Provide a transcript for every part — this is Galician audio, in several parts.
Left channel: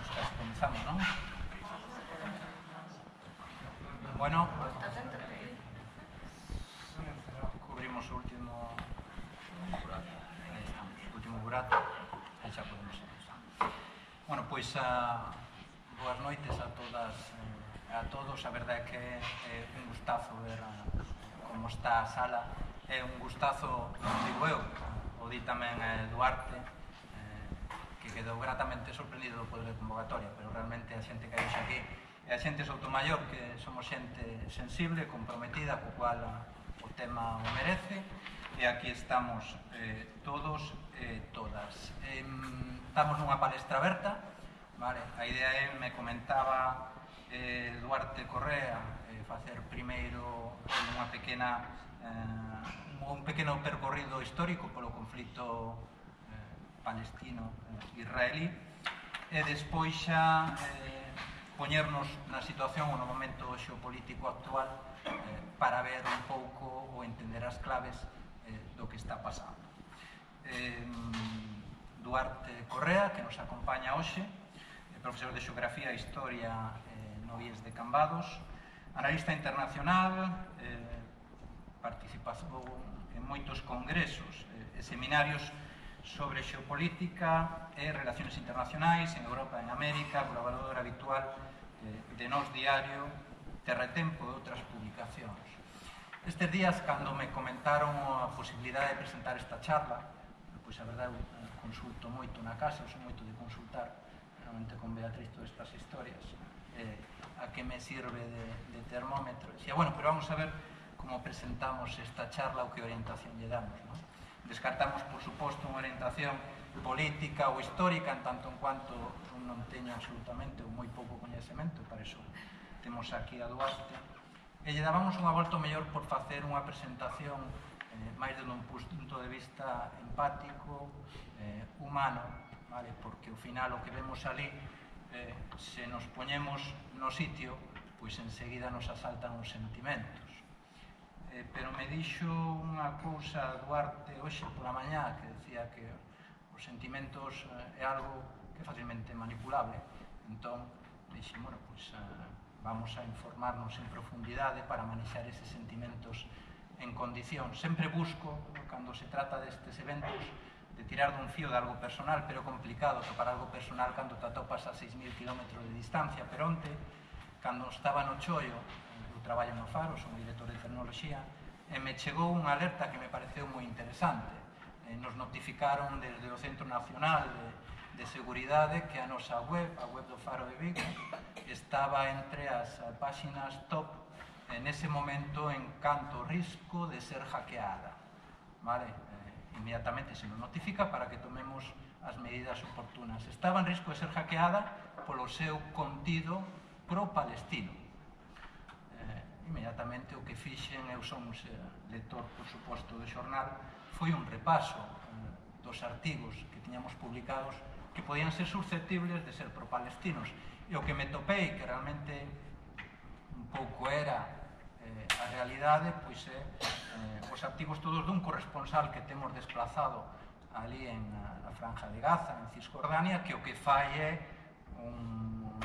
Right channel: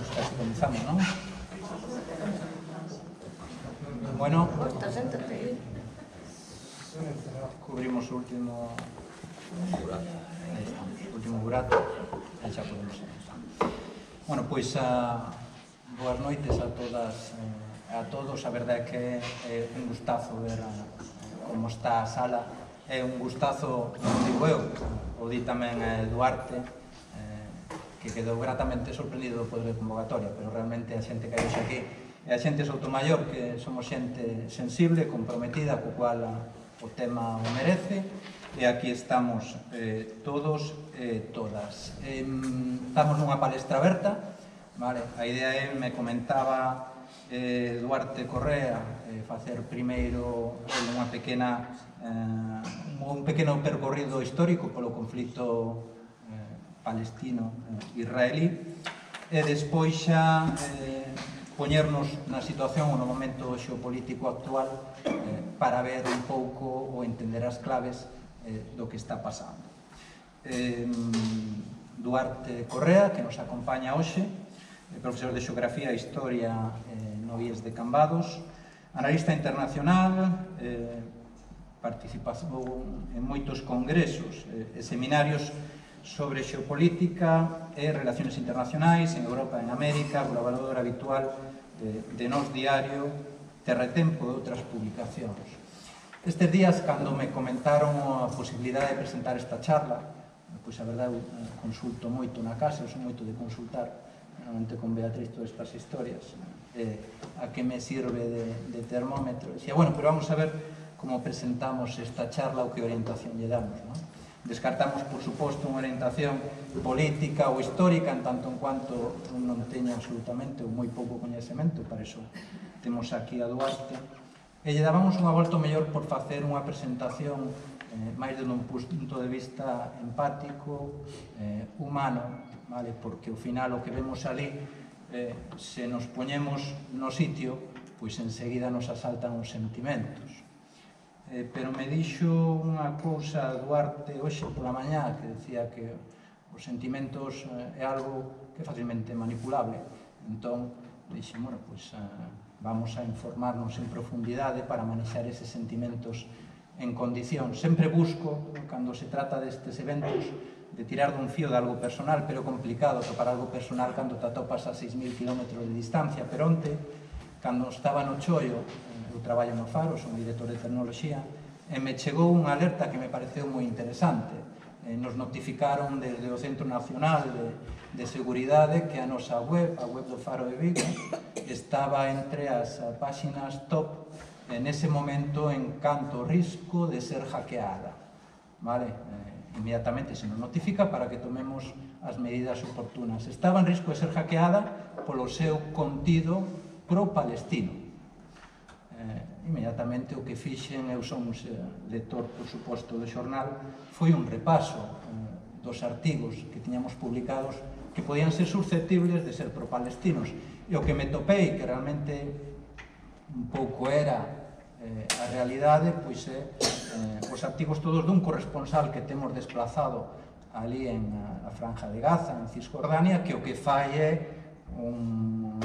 casi comenzamos, non? Bueno, cubrimos o último burato e xa podemos empezar. Bueno, pois boas noites a todas a todos. A verdade é que é un gustazo ver como está a sala. É un gustazo, non digo eu, o di tamén Duarte, que quedou gratamente sorprendido do poder de convocatoria, pero realmente a xente que hai hoxe aquí é a xente Soutomaior, que somos xente sensible, comprometida, co cual o tema o merece, e aquí estamos todos e todas. Estamos nunha palestra aberta, vale? A idea é, me comentaba Duarte Correa, facer primeiro un pequeno percorrido histórico polo conflito palestino-israelí e despois xa poñernos na situación ou no momento xeopolítico actual para ver un pouco ou entender as claves do que está pasando. Duarte Correa, que nos acompaña hoxe, profesor de Xeografía e Historia no IES de Cambados, analista internacional, participou en moitos congresos e seminarios sobre xeopolítica e relaciones internacionais en Europa e en América, colaborador habitual de Nós Diario, Terratempo e outras publicacións. Estes días, cando me comentaron a posibilidade de presentar esta charla, pois a verdade eu consulto moito na casa, eu sou moito de consultar, normalmente con Beatriz todas estas historias, a que me sirve de termómetro. Dicía, bueno, pero vamos a ver como presentamos esta charla ou que orientación lle damos, non? Descartamos, por suposto, unha orientación política ou histórica, en tanto en cuanto non teño absolutamente ou moi pouco coñecemento, para iso temos aquí a Duarte, e lle dábamos unha volta mellor por facer unha presentación máis de un punto de vista empático, humano, vale? Porque ao final o que vemos ali, se nos poñemos no sitio, pois enseguida nos asaltan os sentimentos. Pero me dixo unha cousa Duarte hoxe pola mañá, que decía que os sentimentos é algo que é facilmente manipulable. Entón, dixe, bueno, pois vamos a informarnos en profundidade para manexar eses sentimentos en condición. Sempre busco, cando se trata destes eventos, de tirar dun fío de algo personal, pero complicado topar algo personal cando te atopas a 6.000 km de distancia. Pero onte, cando estaba no chollo, eu traballo no Faro, son director de tecnoloxía, e me chegou unha alerta que me pareceu moi interesante. Nos notificaron desde o Centro Nacional de Seguridade que a nosa web, a web do Faro de Vigo, estaba entre as páxinas top nese momento en canto risco de ser hackeada. Inmediatamente se nos notifica para que tomemos as medidas oportunas. Estaba en risco de ser hackeada polo seu contido pro-palestino. Inmediatamente o que fixen, eu son un lector, por suposto, do xornal, foi un repaso dos artigos que tiñamos publicados que podían ser susceptibles de ser pro-palestinos. E o que me topei, que realmente un pouco era a realidade, pois é os artigos todos dun corresponsal que temos desplazado ali en a Franja de Gaza, en Cisjordania, que o que fai é un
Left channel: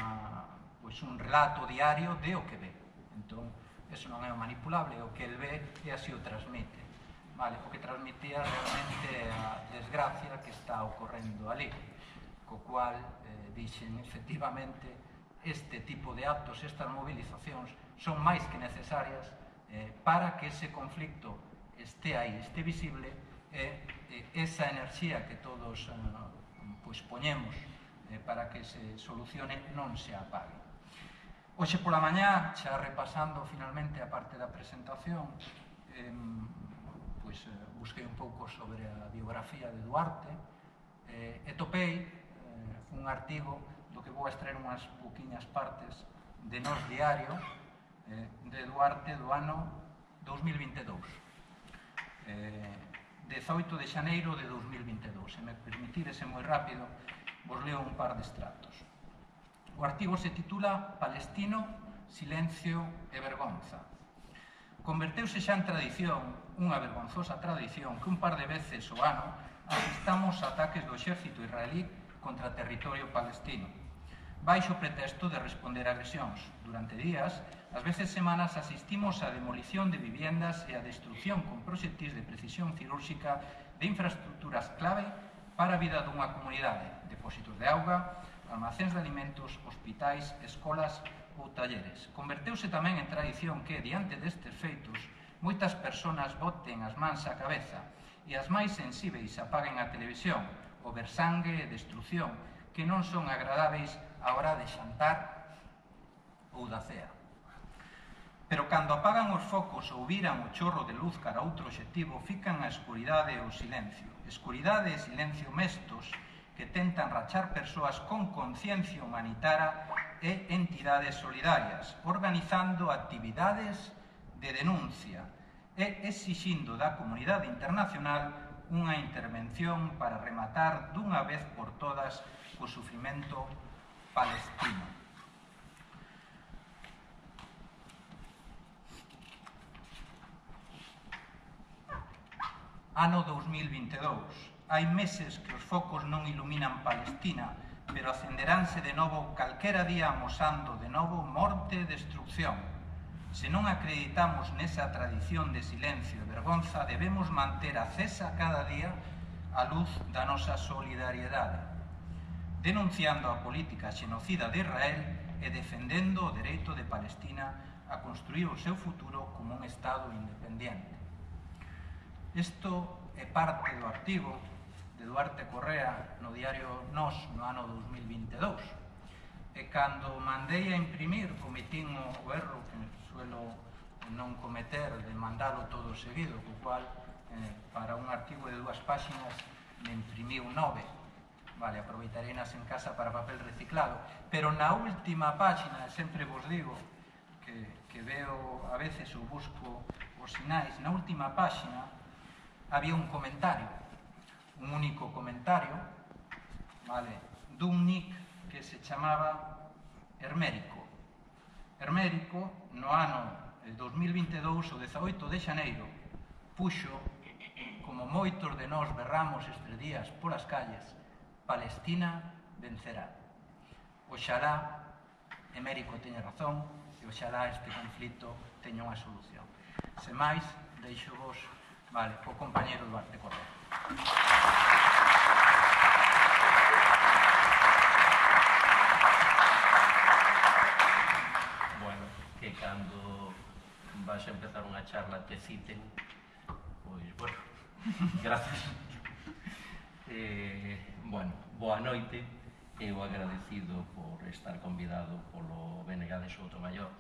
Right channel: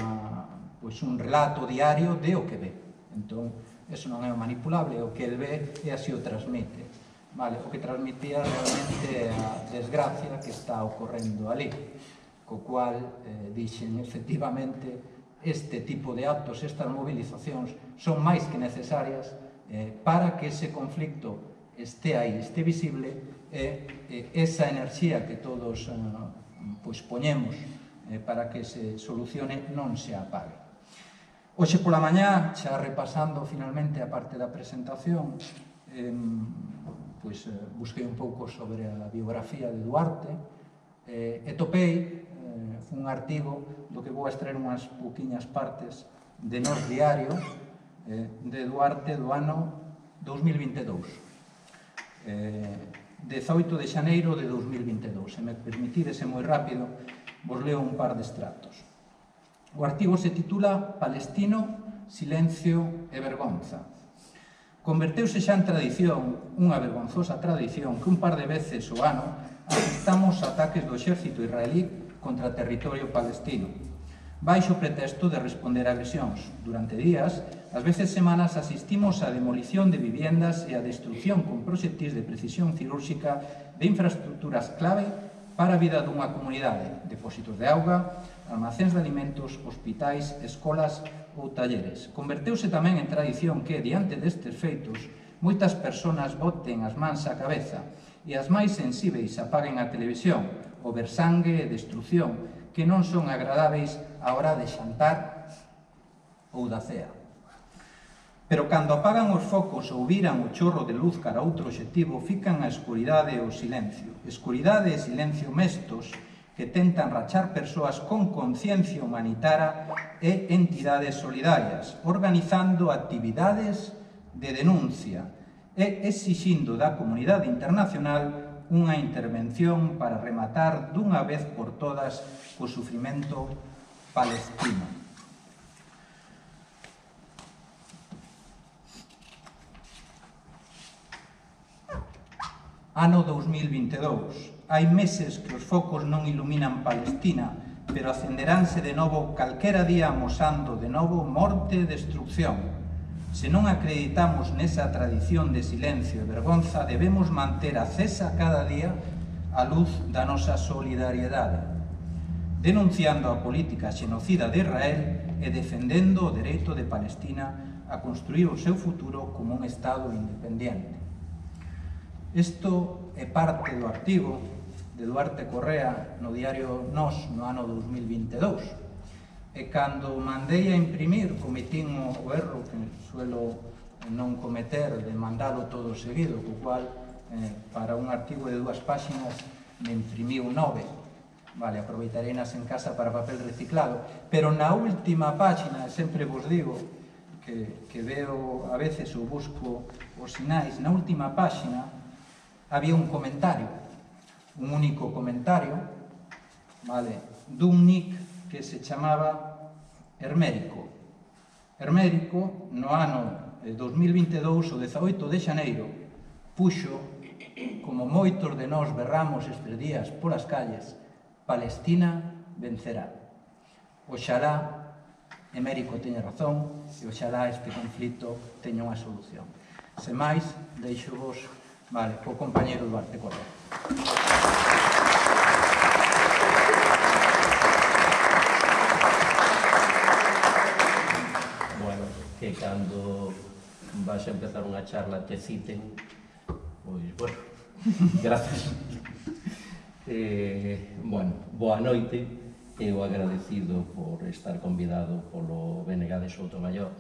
relato diario de o que ve. Entón, eso non é manipulable, o que el ve e así o transmite. O que transmitía realmente a desgracia que está ocorrendo ali, co cual dixen, efectivamente, este tipo de actos, estas movilizacións, son máis que necesarias para que ese conflicto este aí, este visible, e esa enerxía que todos poñemos para que se solucione non se apague. Hoxe pola mañá, xa repasando finalmente a parte da presentación, busquei un pouco sobre a biografía de Duarte e topei un artigo do que vou extraer unhas pouquiñas partes de Nós Diario de Duarte do ano 2022. 18 de xaneiro de 2022. Se me permitides, é moi rápido, vos leo un par de extractos. O artigo se titula Palestino, silencio e vergonza. Converteuse xa en tradición, unha vergonzosa tradición, que un par de veces ao ano asistamos a ataques do exército israelí contra territorio palestino. baixo o pretexto de responder a agresións. Durante días, ás veces semanas, asistimos á demolición de viviendas e á destrucción con proxectis de precisión cirúrxica de infraestructuras clave para a vida dunha comunidade, depósitos de auga, almacéns de alimentos, hospitais, escolas ou talleres. Converteuse tamén en tradición que, diante destes feitos, moitas persoas boten as mans á cabeza e as máis sensíveis apaguen a televisión ou ver sangue e destrucción que non son agradáveis á hora de xantar ou da cea. Pero cando apagan os focos ou viran o chorro de luz cara a outro obxectivo, fican a escuridade e o silencio. Escuridade e silencio mestos que tentan rachar persoas con conciencia humanitaria e entidades solidarias, organizando actividades de denuncia e exixindo da comunidade internacional unha intervención para rematar dunha vez por todas o sufrimento palestino. Ano 2022. Hai meses que os focos non iluminan Palestina, pero acenderánse de novo calquera día amosando de novo morte e destrucción. Se non acreditamos nesa tradición de silencio e vergonza, debemos manter acesa cada día a luz da nosa solidariedade, denunciando a política xenocida de Israel e defendendo o dereito de Palestina a construir o seu futuro como un Estado independente. Isto é parte do artigo de Duarte Correa no diario Nós no ano 2022. E cando mandei a imprimir, cometín o erro que suelo non cometer de mandalo todo seguido, co cual para un artigo de 2 páxinas me imprimiu 9. Vale, aproveitareinas en casa para papel reciclado. Pero na última páxina, sempre vos digo que veo a veces ou busco os sinais, na última páxina había un comentario, un único comentario, vale, dun nick que se chamaba Hermérico. Hermérico, no ano 2022, o 18 de xaneiro, puxo, como moitos de nós berramos estes días polas calles, Palestina vencerá. Oxalá Hermérico teña razón e oxalá este conflito teña unha solución. Sen máis, deixo vos, vale, o compañeiro Duarte Correa. Que cando vas a empezar unha charla te citen, pois, bueno, grazas. Bueno, boa noite, eu agradecido por estar convidado polo BNG de Soutomaior.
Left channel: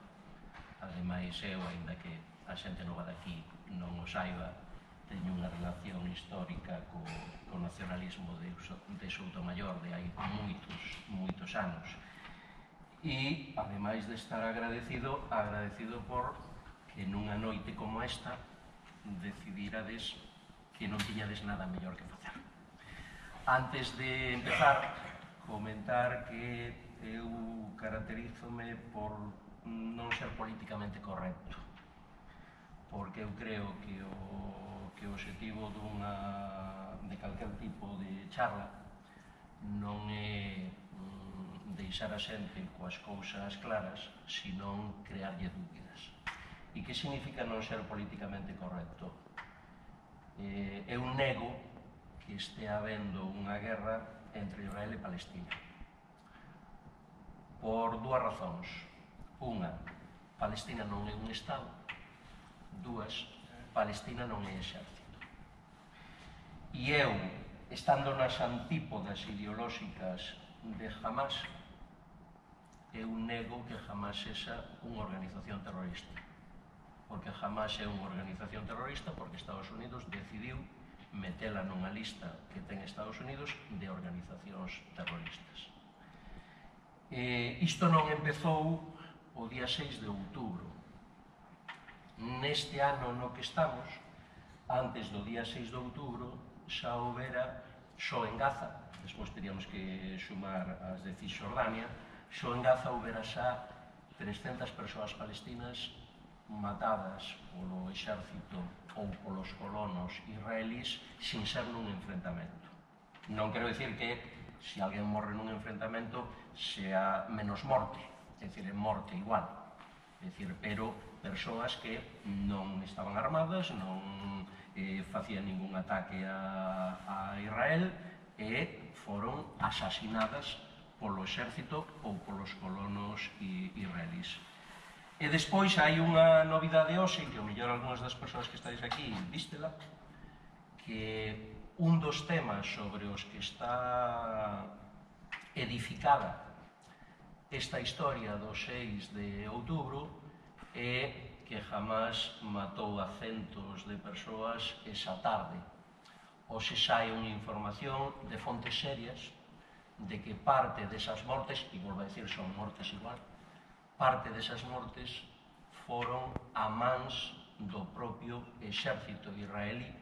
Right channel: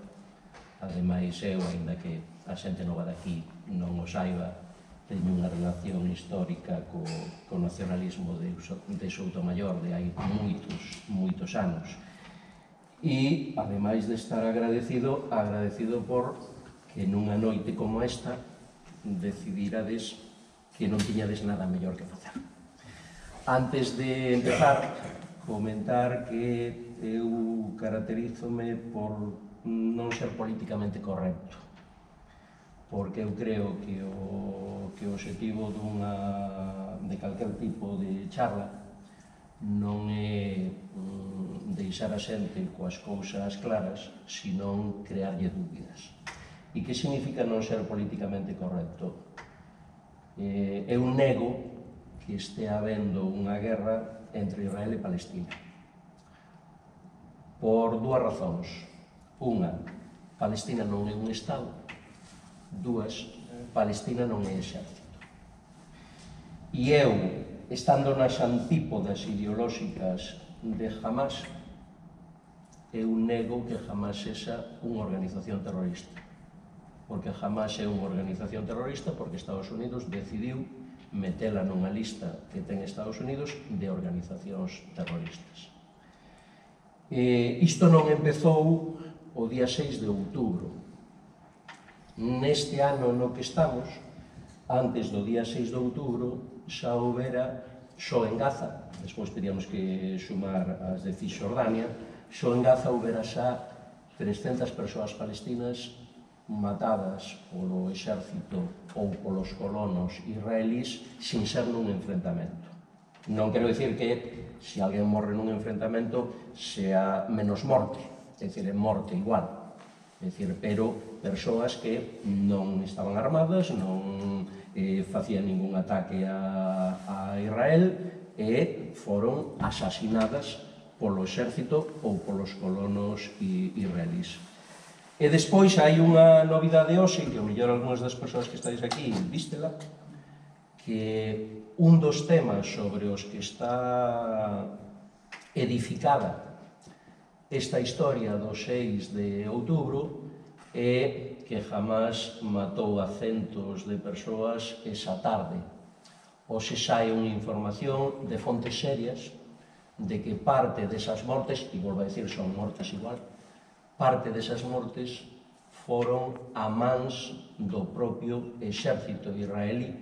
Ademais, eu, aínda que a xente nova daqui non o saiba, teño unha relación histórica co nacionalismo de Soutomaior de hai moitos anos. E, ademais de estar agradecido por que nunha noite como esta decidírades que non tiñades nada mellor que facer. Antes de empezar, comentar que eu caracterízome por non ser políticamente correcto, porque eu creo que o obxectivo de calquer tipo de charla non é deixar a xente coas cousas claras, senón crearlle dúbidas. E que significa non ser políticamente correcto? Eu nego que estea habendo unha guerra entre Israel e Palestina. Por 2 razóns. Unha, Palestina non é un Estado. 2, Palestina non é exército. E eu, estando nas antípodas ideolóxicas de Hamas, eu nego que Hamas sexa unha organización terrorista. Porque Hamas é unha organización terrorista porque Estados Unidos decidiu metela nunha lista que ten Estados Unidos de organizacións terroristas. Isto non empezou o día 6 de outubro. Neste ano no que estamos, antes do día 6 de outubro, xa houbera, só en Gaza, despois teríamos que sumar as de Cisjordania, só en Gaza houbera xa 300 persoas palestinas matadas polo exército ou polos colonos israelís sin ser nun enfrentamento. Non quero dicir que se alguén morre nun enfrentamento sea menos morte, é dicir, é morte igual. É dicir, pero persoas que non estaban armadas, non facían ningún ataque a Israel e foron asasinadas polo exército ou polos colonos israelís. E despois hai unha novidade hoxe, que o mellor algunhas das persoas que estáis aquí vístela, que un dos temas sobre os que está edificada esta historia do 6 de outubro é que Hamás matou a centos de persoas esa tarde. Hoxe sai unha información de fontes serias de que parte desas mortes, e volvo a decir, son mortes igual, parte desas mortes foron a mans do propio exército israelí,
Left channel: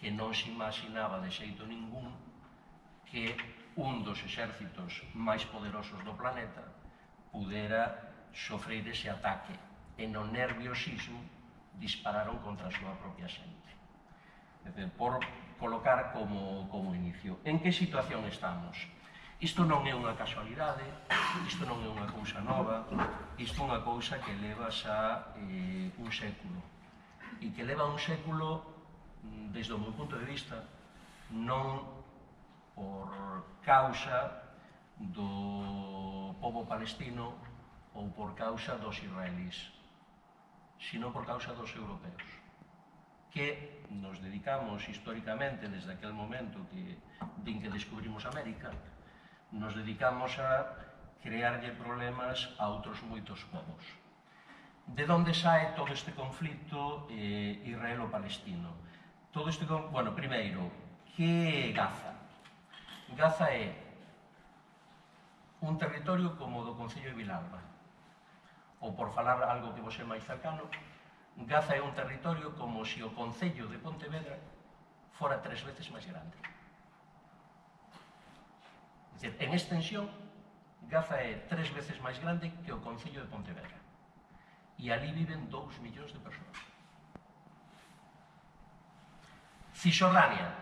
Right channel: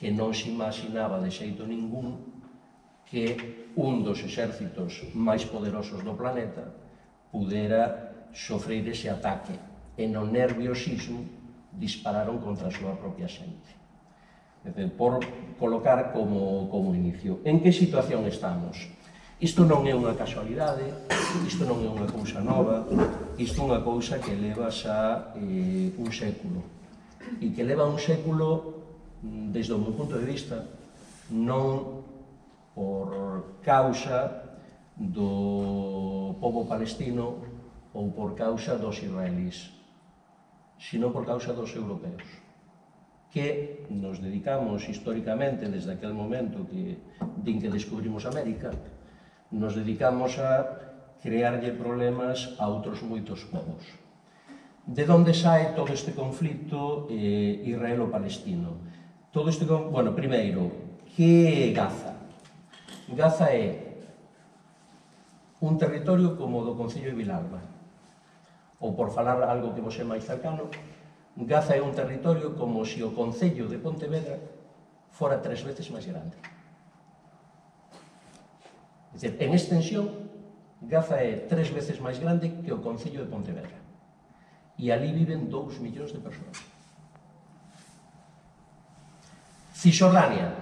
que non se imaginaba de xeito ningún que un dos exércitos máis poderosos do planeta pudera sofrer ese ataque e no nerviosismo dispararon contra a súa propia xente. Por colocar como inicio. En que situación estamos? Isto non é unha casualidade, isto non é unha cousa nova, isto é unha cousa que leva xa un século. E que leva un século, desde o meu punto de vista, non por causa do pobo palestino ou por causa dos israelís, sino por causa dos europeos, que nos dedicamos históricamente, desde aquel momento din que descubrimos América, nos dedicamos a crearlle problemas a outros moitos povos. De onde sae todo este conflito israelo-palestino? Todo este, bueno, primeiro, que é Gaza? Gaza é un territorio como o do Concello de Vilalba, ou por falar algo que vos é máis cercano, Gaza é un territorio como se o Concello de Pontevedra fora 3 veces máis grande. É dicir, en extensión, Gaza é 3 veces máis grande que o Concello de Pontevedra. E ali viven 2 millóns de persoas. Cisjordania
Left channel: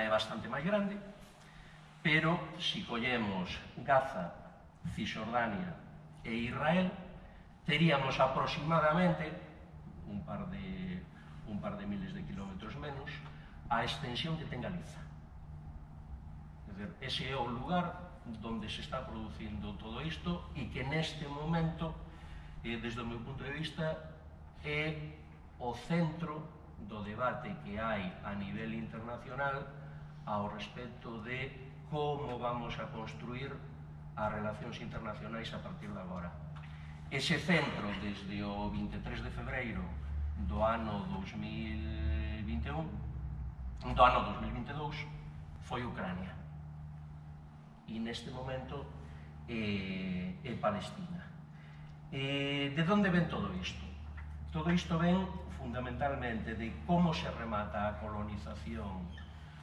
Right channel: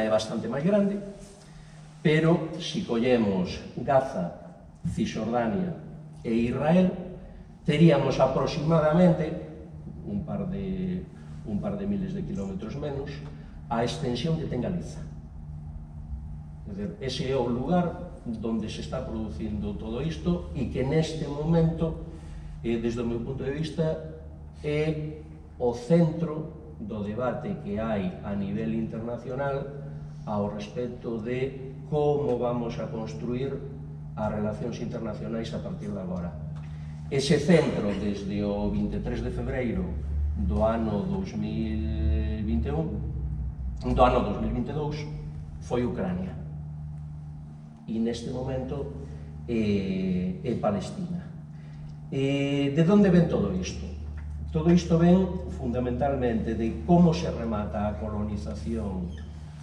é bastante máis grande, pero se collemos Gaza, Cisjordania e Israel, teríamos aproximadamente un par de miles de kilómetros menos a extensión que ten Galiza. Ese é o lugar onde se está producindo todo isto e que neste momento, desde o meu punto de vista, é o centro do debate que hai a nivel internacional ao respecto de como vamos a construir as relacións internacionais a partir de agora. Ese centro, desde o 23 de febreiro do ano 2022, foi Ucrania. E neste momento é Palestina. De onde ven todo isto? Todo isto ven fundamentalmente de como se remata a colonización,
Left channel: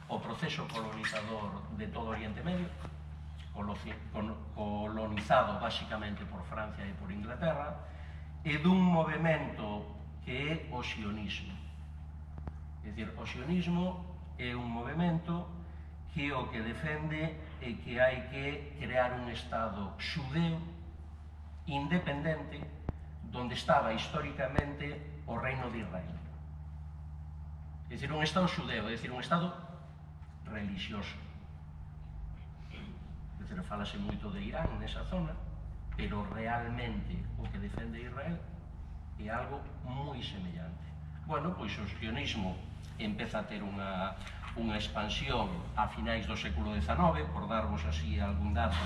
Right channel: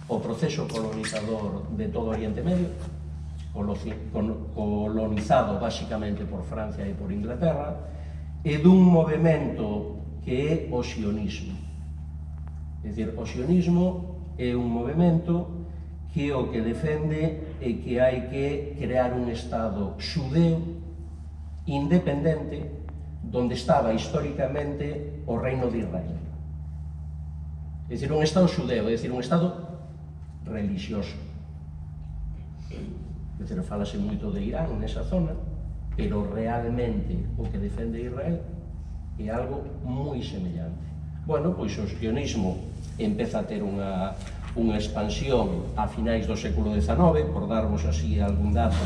o proceso colonizador de todo o Oriente Medio, colonizado basicamente por Francia e por Inglaterra, e dun movimento que é o sionismo. É dicir, o sionismo é un movimento que o que defende é que hai que crear un Estado xudeo independente donde estaba históricamente o reino de Israel. É dicir, un Estado xudeo, é dicir, un Estado religioso. É dicir, falase moito de Irán nesa zona, pero realmente o que defende Israel é algo moi semellante. Bueno, pois o sionismo empeza a ter unha expansión a finais do século XIX, por darvos así algún dato.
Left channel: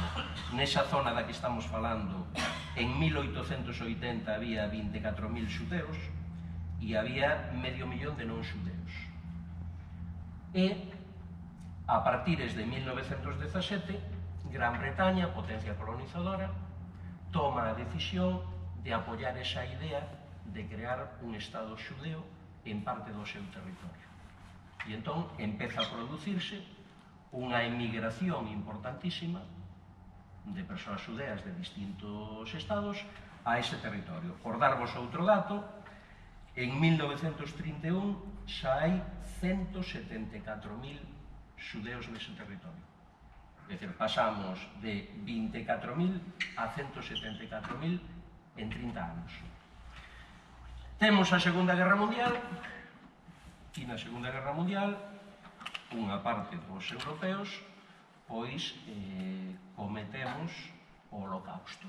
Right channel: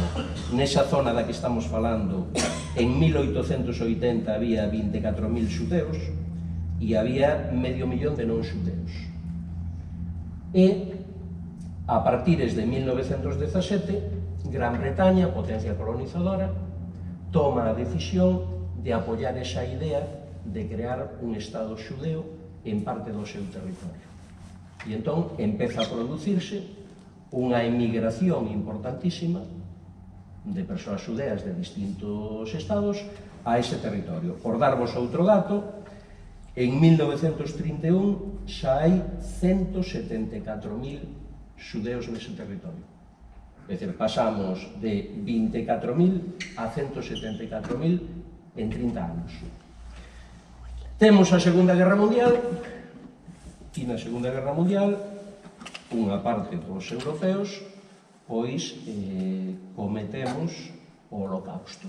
Nesa zona da que estamos falando, en 1880 había 24.000 xudeus e había 500.000 de non xudeus. E, a partires de 1917, Gran Bretaña, potencia colonizadora, toma a decisión de apoiar esa idea de crear un Estado xudeo en parte do seu territorio. E entón empeza a producirse unha emigración importantísima de persoas xudeas de distintos estados a ese territorio. Por darvos outro dato, en 1931 xa hai 174.000 xudeos nese territorio. É dicir, pasamos de 24.000 a 174.000 en 30 anos. Temos a Segunda Guerra Mundial, e na Segunda Guerra Mundial, unha parte dos europeos, pois, cometemos o Holocausto,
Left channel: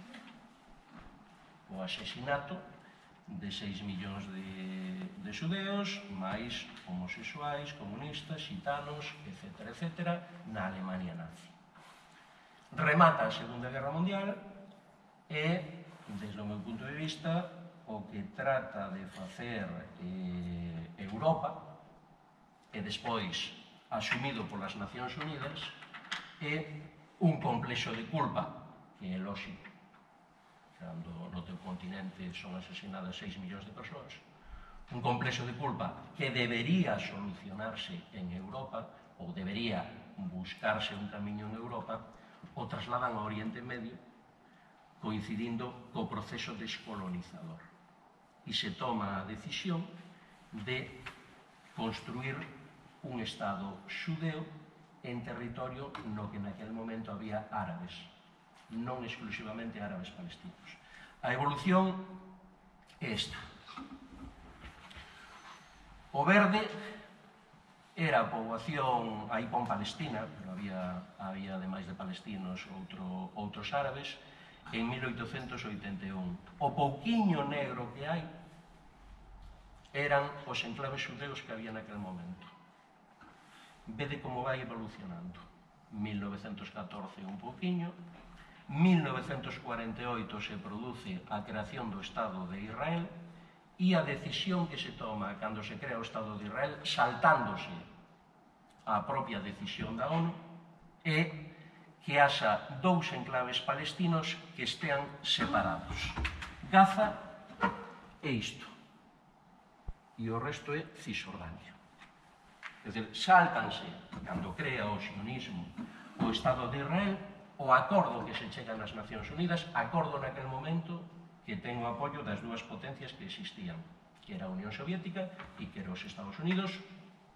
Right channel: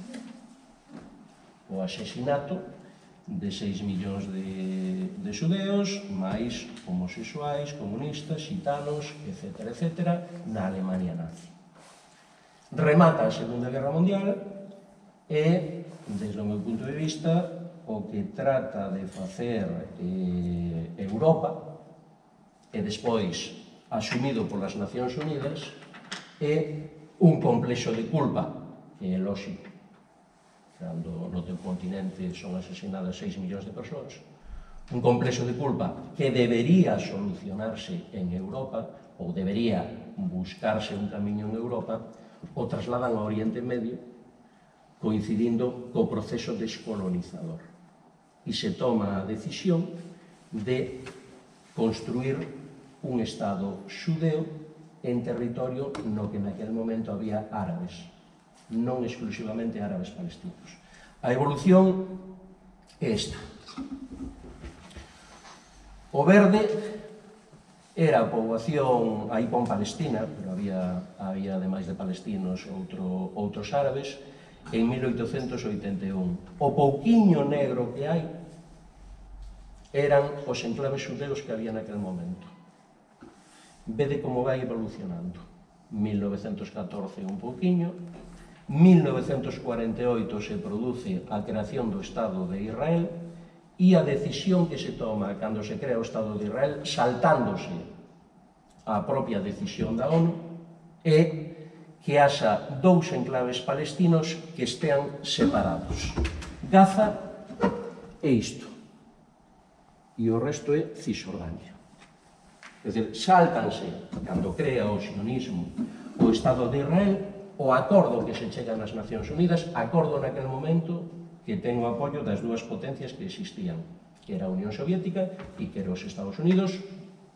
o asesinato de 6 millóns de xudeos, máis homosexuais, comunistas, xitanos, etc., etc., na Alemania nazi. Remata a Segunda Guerra Mundial e, desde o meu punto de vista, o que trata de facer Europa, e despois asumido polas Nacións Unidas, é un complexo de culpa, que é lógico. Cando no teu continente son asesinadas 6 millóns de persoas, un complexo de culpa que debería solucionarse en Europa, ou debería buscarse un camiño en Europa, o trasladan ao Oriente Medio, coincidindo co proceso descolonizador. E se toma a decisión de construir un Estado xudeo en territorio no que naquel momento había árabes, non exclusivamente árabes palestinos. A evolución é esta. O verde era a poboación, aí pon Palestina, pero había ademais de palestinos outros árabes, en 1881. O pouquiño negro que hai eran os enclaves xudeos que había naquel momento. Vede como vai evolucionando. 1914 un pouquiño, 1948 se produce a creación do Estado de Israel e a decisión que se toma cando se crea o Estado de Israel, saltándose a propia decisión da ONU, é que haxa dous enclaves palestinos que estean separados. Gaza é isto, e o resto é Cisjordania. É dicir, sáltanse, cando crea o sionismo o Estado de Israel, o acordo que se chega nas Nacións Unidas, acordo naquel momento que ten o apoio das dúas potencias que existían, que era a Unión Soviética e que era os Estados Unidos,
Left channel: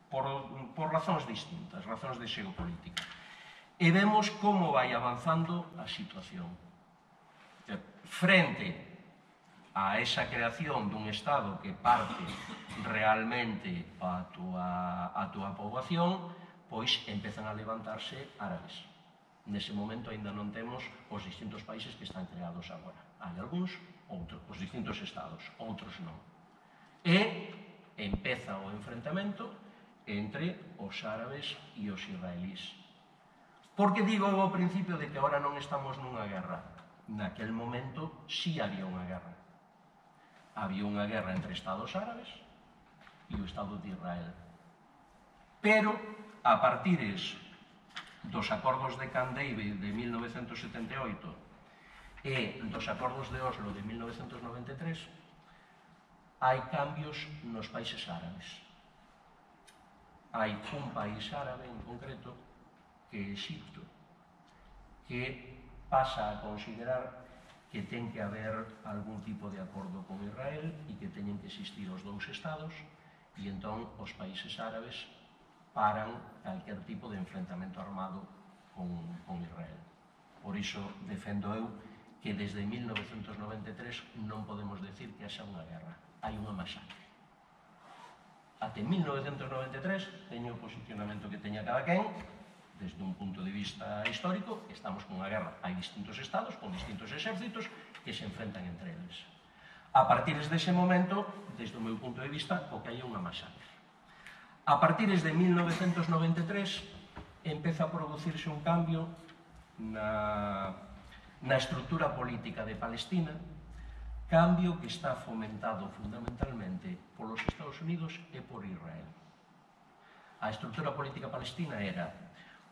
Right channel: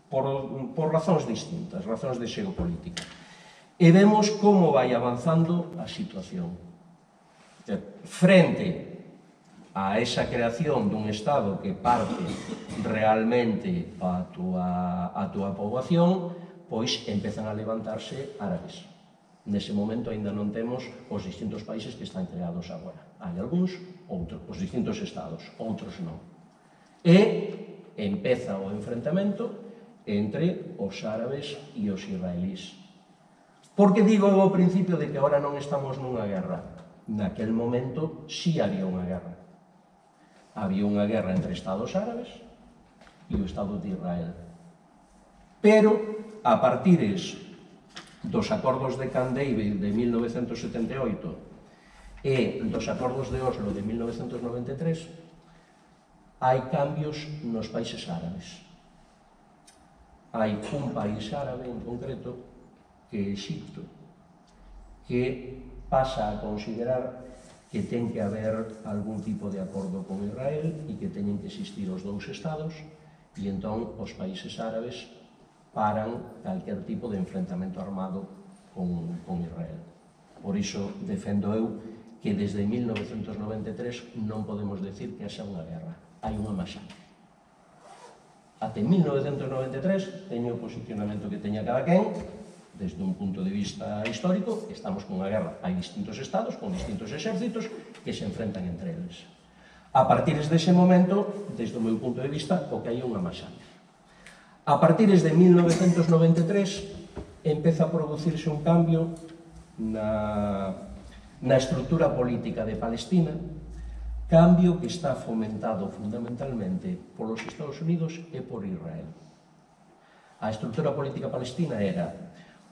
por razóns distintas, razóns de xeopolítica. E vemos como vai avanzando a situación. Frente a esa creación dun Estado que parte realmente a túa poboación, pois empezan a levantarse árabes. Nese momento ainda non temos os distintos países que están creados agora. Hai algúns, os distintos estados, outros non. E empeza o enfrentamento entre os árabes e os israelís. Por que digo ao principio de que agora non estamos nunha guerra? Naquel momento sí había unha guerra. Había unha guerra entre estados árabes e o Estado de Israel. Pero, a partires dos acordos de Camp David de 1978 e dos acordos de Oslo de 1993, hai cambios nos países árabes. Hai un país árabe en concreto, que é Egipto, que pasa a considerar que ten que haber algún tipo de acordo con Israel e que teñen que existir os dous estados, e entón os países árabes paran calquer tipo de enfrentamento armado con Israel. Por iso defendo eu que desde 1993 non podemos decir que haxa unha guerra, hai unha masacre. Até 1993 teño o posicionamento que teña cada quen, desde un punto de vista histórico, estamos con unha guerra. Hai distintos estados con distintos exércitos que se enfrentan entre eles. A partir dese momento, desde o meu punto de vista, o que hai é unha masacre. A partir de 1993 empeza a producirse un cambio na estrutura política de Palestina, cambio que está fomentado fundamentalmente polos Estados Unidos e por Israel. A estrutura política palestina era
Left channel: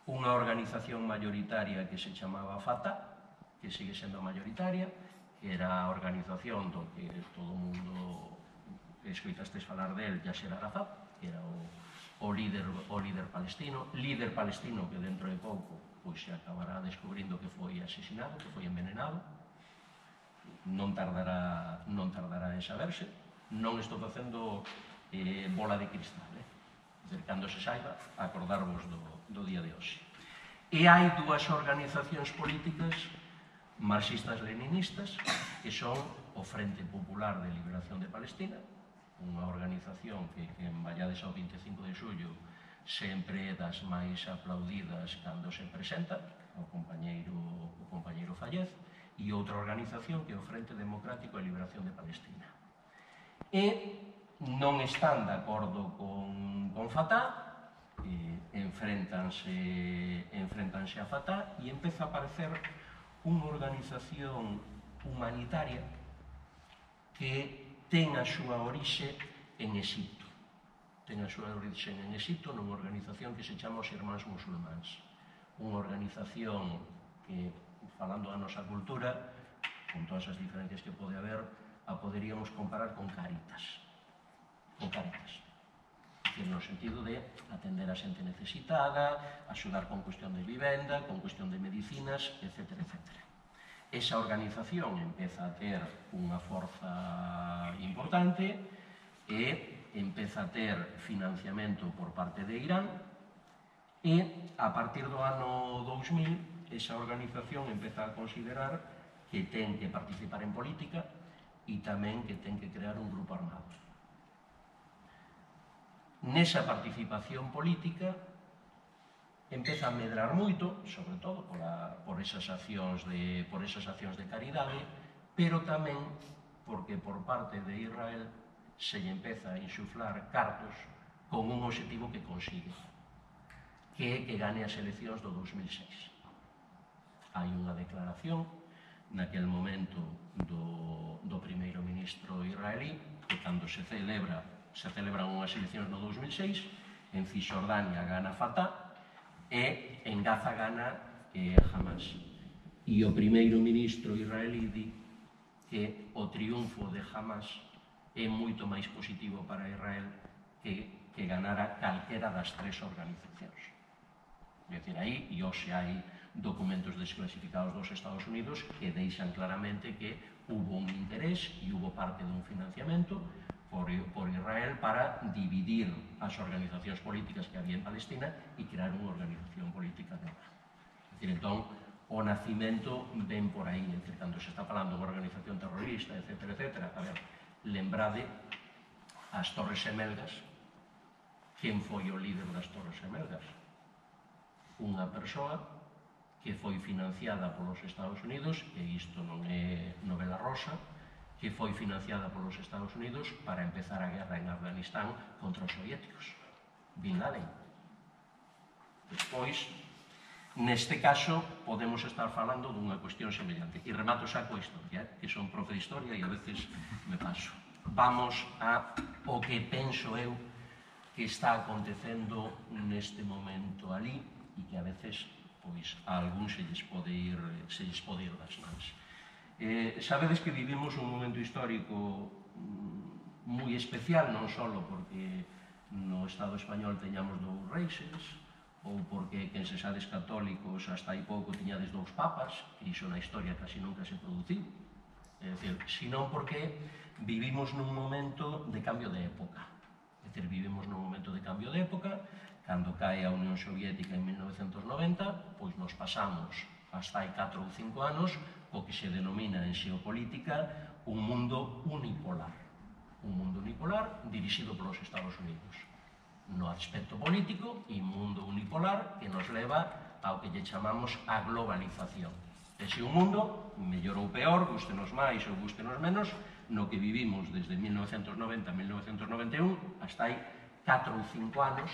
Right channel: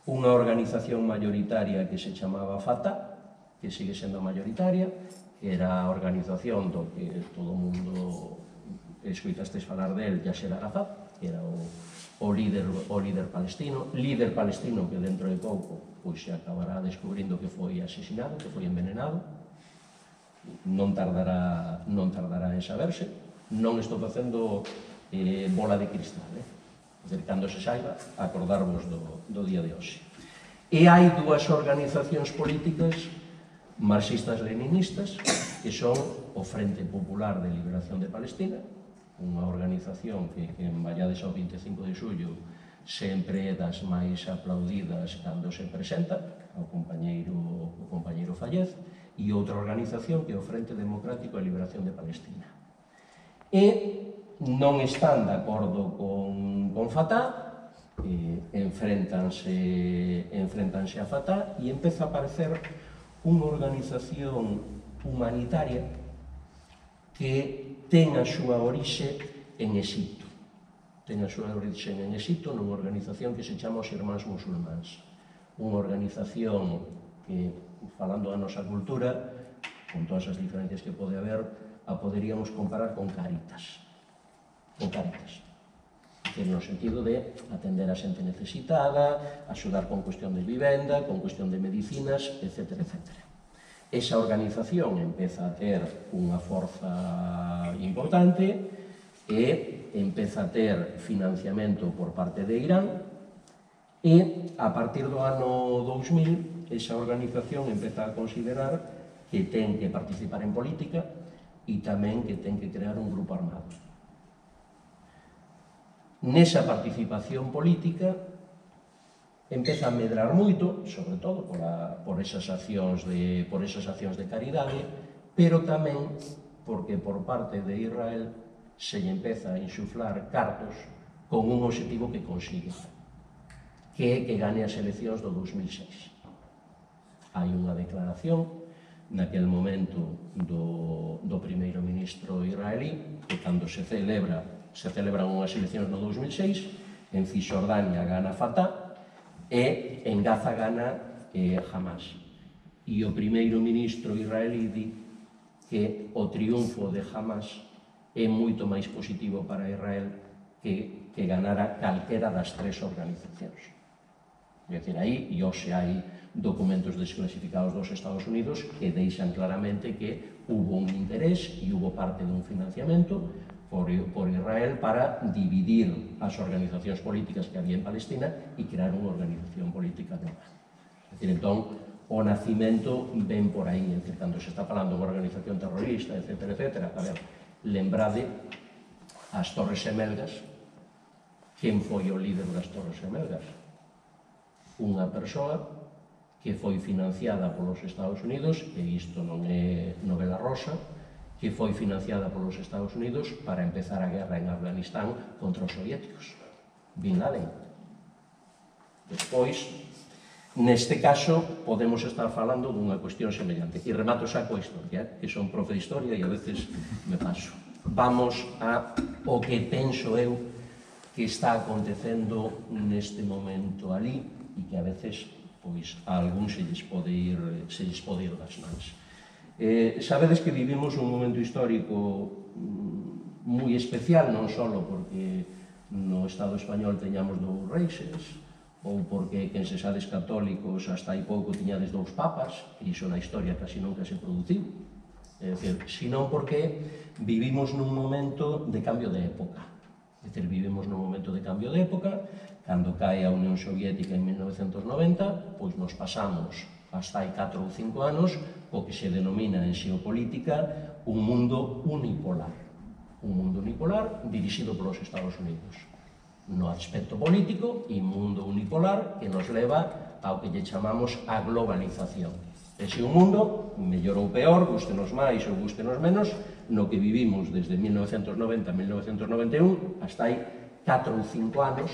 unha organización mayoritaria que se chamaba Fatah, que sigue sendo mayoritaria, que era a organización do que todo o mundo escoitastes falar del, Yasser Arafat, que era o líder palestino que dentro de pouco pois se acabará descubrindo que foi asesinado, que foi envenenado. Non tardará en saberse. Non estou facendo bola de cristal, cando se saiba, acordarvos do día de hoxe. E hai dúas organizacións políticas marxistas-leninistas que son o Frente Popular de Liberación de Palestina, unha organización que vallades ao 25 de xullo sempre é das máis aplaudidas cando se presenta, o compañeiro Fallez, e outra organización que é o Frente Democrático de Liberación de Palestina. E non están de acordo con Fatah, enfréntanse a Fatah e empeza a aparecer unha organización humanitaria que ten a súa orixe en Egipto. Ten a súa orixe en Egipto nunha organización que se chama os Irmáns Musulmáns. Unha organización que, falando da nosa cultura, con todas as diferencias que pode haber, a poderíamos comparar con Cáritas. Con Cáritas. No sentido de atender a xente necesitada, axudar con cuestión de vivenda, con cuestión de medicinas, etc. Esa organización empeza a ter unha forza importante e empeza a ter financiamento por parte de Irán e a partir do ano 2000 esa organización empeza a considerar que ten que participar en política e tamén que ten que crear un grupo armado. Nesa participación política empeza a medrar moito, sobre todo por esas accións de caridade, pero tamén porque por parte de Israel se lle empeza a insuflar cartos con un obxectivo que consigue, que é que gane as eleccións do 2006. Hai unha declaración naquel momento do primeiro ministro israelí que cando se celebran unhas eleccións no 2006, en Cisjordania gana Fatah e en Gaza gana Hamas. E o primeiro ministro israelí di que o triunfo de Hamas é moito máis positivo para Israel que ganara calquera das tres organizacións. É dicir, aí, e hoxe hai documentos desclasificados dos Estados Unidos que deixan claramente que hubo un interés e hubo parte dun financiamento por Israel para dividir as organizacións políticas que había en Palestina e crear unha organización política nova. É dicir, entón, o nacimento ven por aí, cando se está falando de unha organización terrorista, etc. A ver, lembrade as Torres Gemelgas. Quen foi o líder das Torres Gemelgas? Unha persoa que foi financiada polos Estados Unidos, e isto non é novela rosa, que foi financiada polos Estados Unidos para empezar a guerra en Afganistán contra os soviéticos, Bin Laden. Despois, neste caso, podemos estar falando dunha cuestión semellante. E remato xa coa historia, que son profe de historia e a veces me paso. Vamos ao que penso eu que está acontecendo neste momento ali e que a veces, pois, a algún se lles pode ir das mans. Sabedes que vivimos un momento histórico moi especial, non só porque no Estado español teñamos dous reixes, ou porque, quen se sades católicos, hasta hai pouco tiñades dous papas, e iso na historia casi nunca se produciu, é dicir, senón porque vivimos nun momento de cambio de época. É dicir, vivimos nun momento de cambio de época, cando cae a Unión Soviética en 1990, pois nos pasamos hasta hai 4 ou 5 anos, o que se denomina en xeopolítica un mundo unipolar. Un mundo unipolar dirixido polos Estados Unidos. No aspecto político, e mundo unipolar que nos leva ao que lle chamamos a globalización. Ese un mundo, mellor ou peor, gústenos máis ou gústenos menos, no que vivimos desde 1990 a 1991, hasta hai 4 ou 5 anos,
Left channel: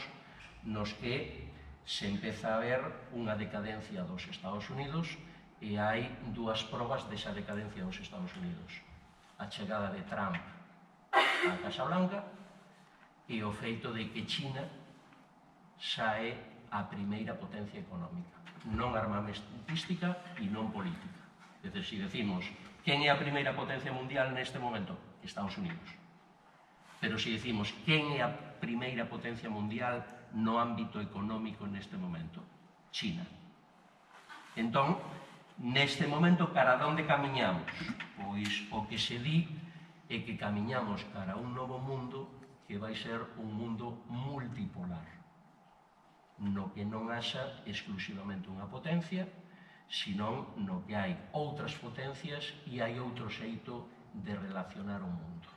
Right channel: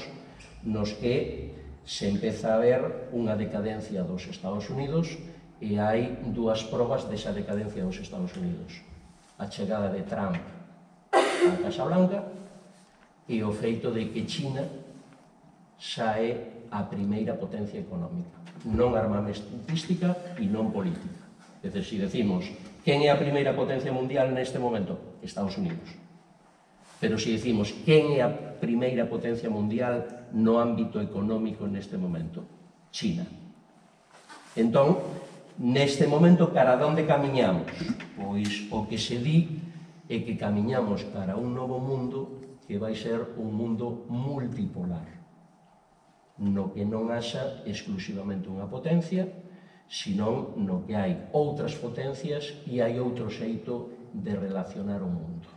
nos que se empeza a ver unha decadencia dos Estados Unidos e hai dúas probas desa decadencia dos Estados Unidos. A chegada de Trump á Casa Blanca e o feito de que China xa é a primeira potencia económica, non armamentística e non política. É dicir, se decimos quen é a primeira potencia mundial neste momento, Estados Unidos. Pero se decimos quen é a primeira potencia mundial no ámbito económico neste momento, China. Entón, neste momento, cara a onde camiñamos? Pois o que se di é que camiñamos cara a un novo mundo que vai ser un mundo multipolar, no que non haxa exclusivamente unha potencia, senón no que hai outras potencias e hai outro xeito de relacionar o mundo.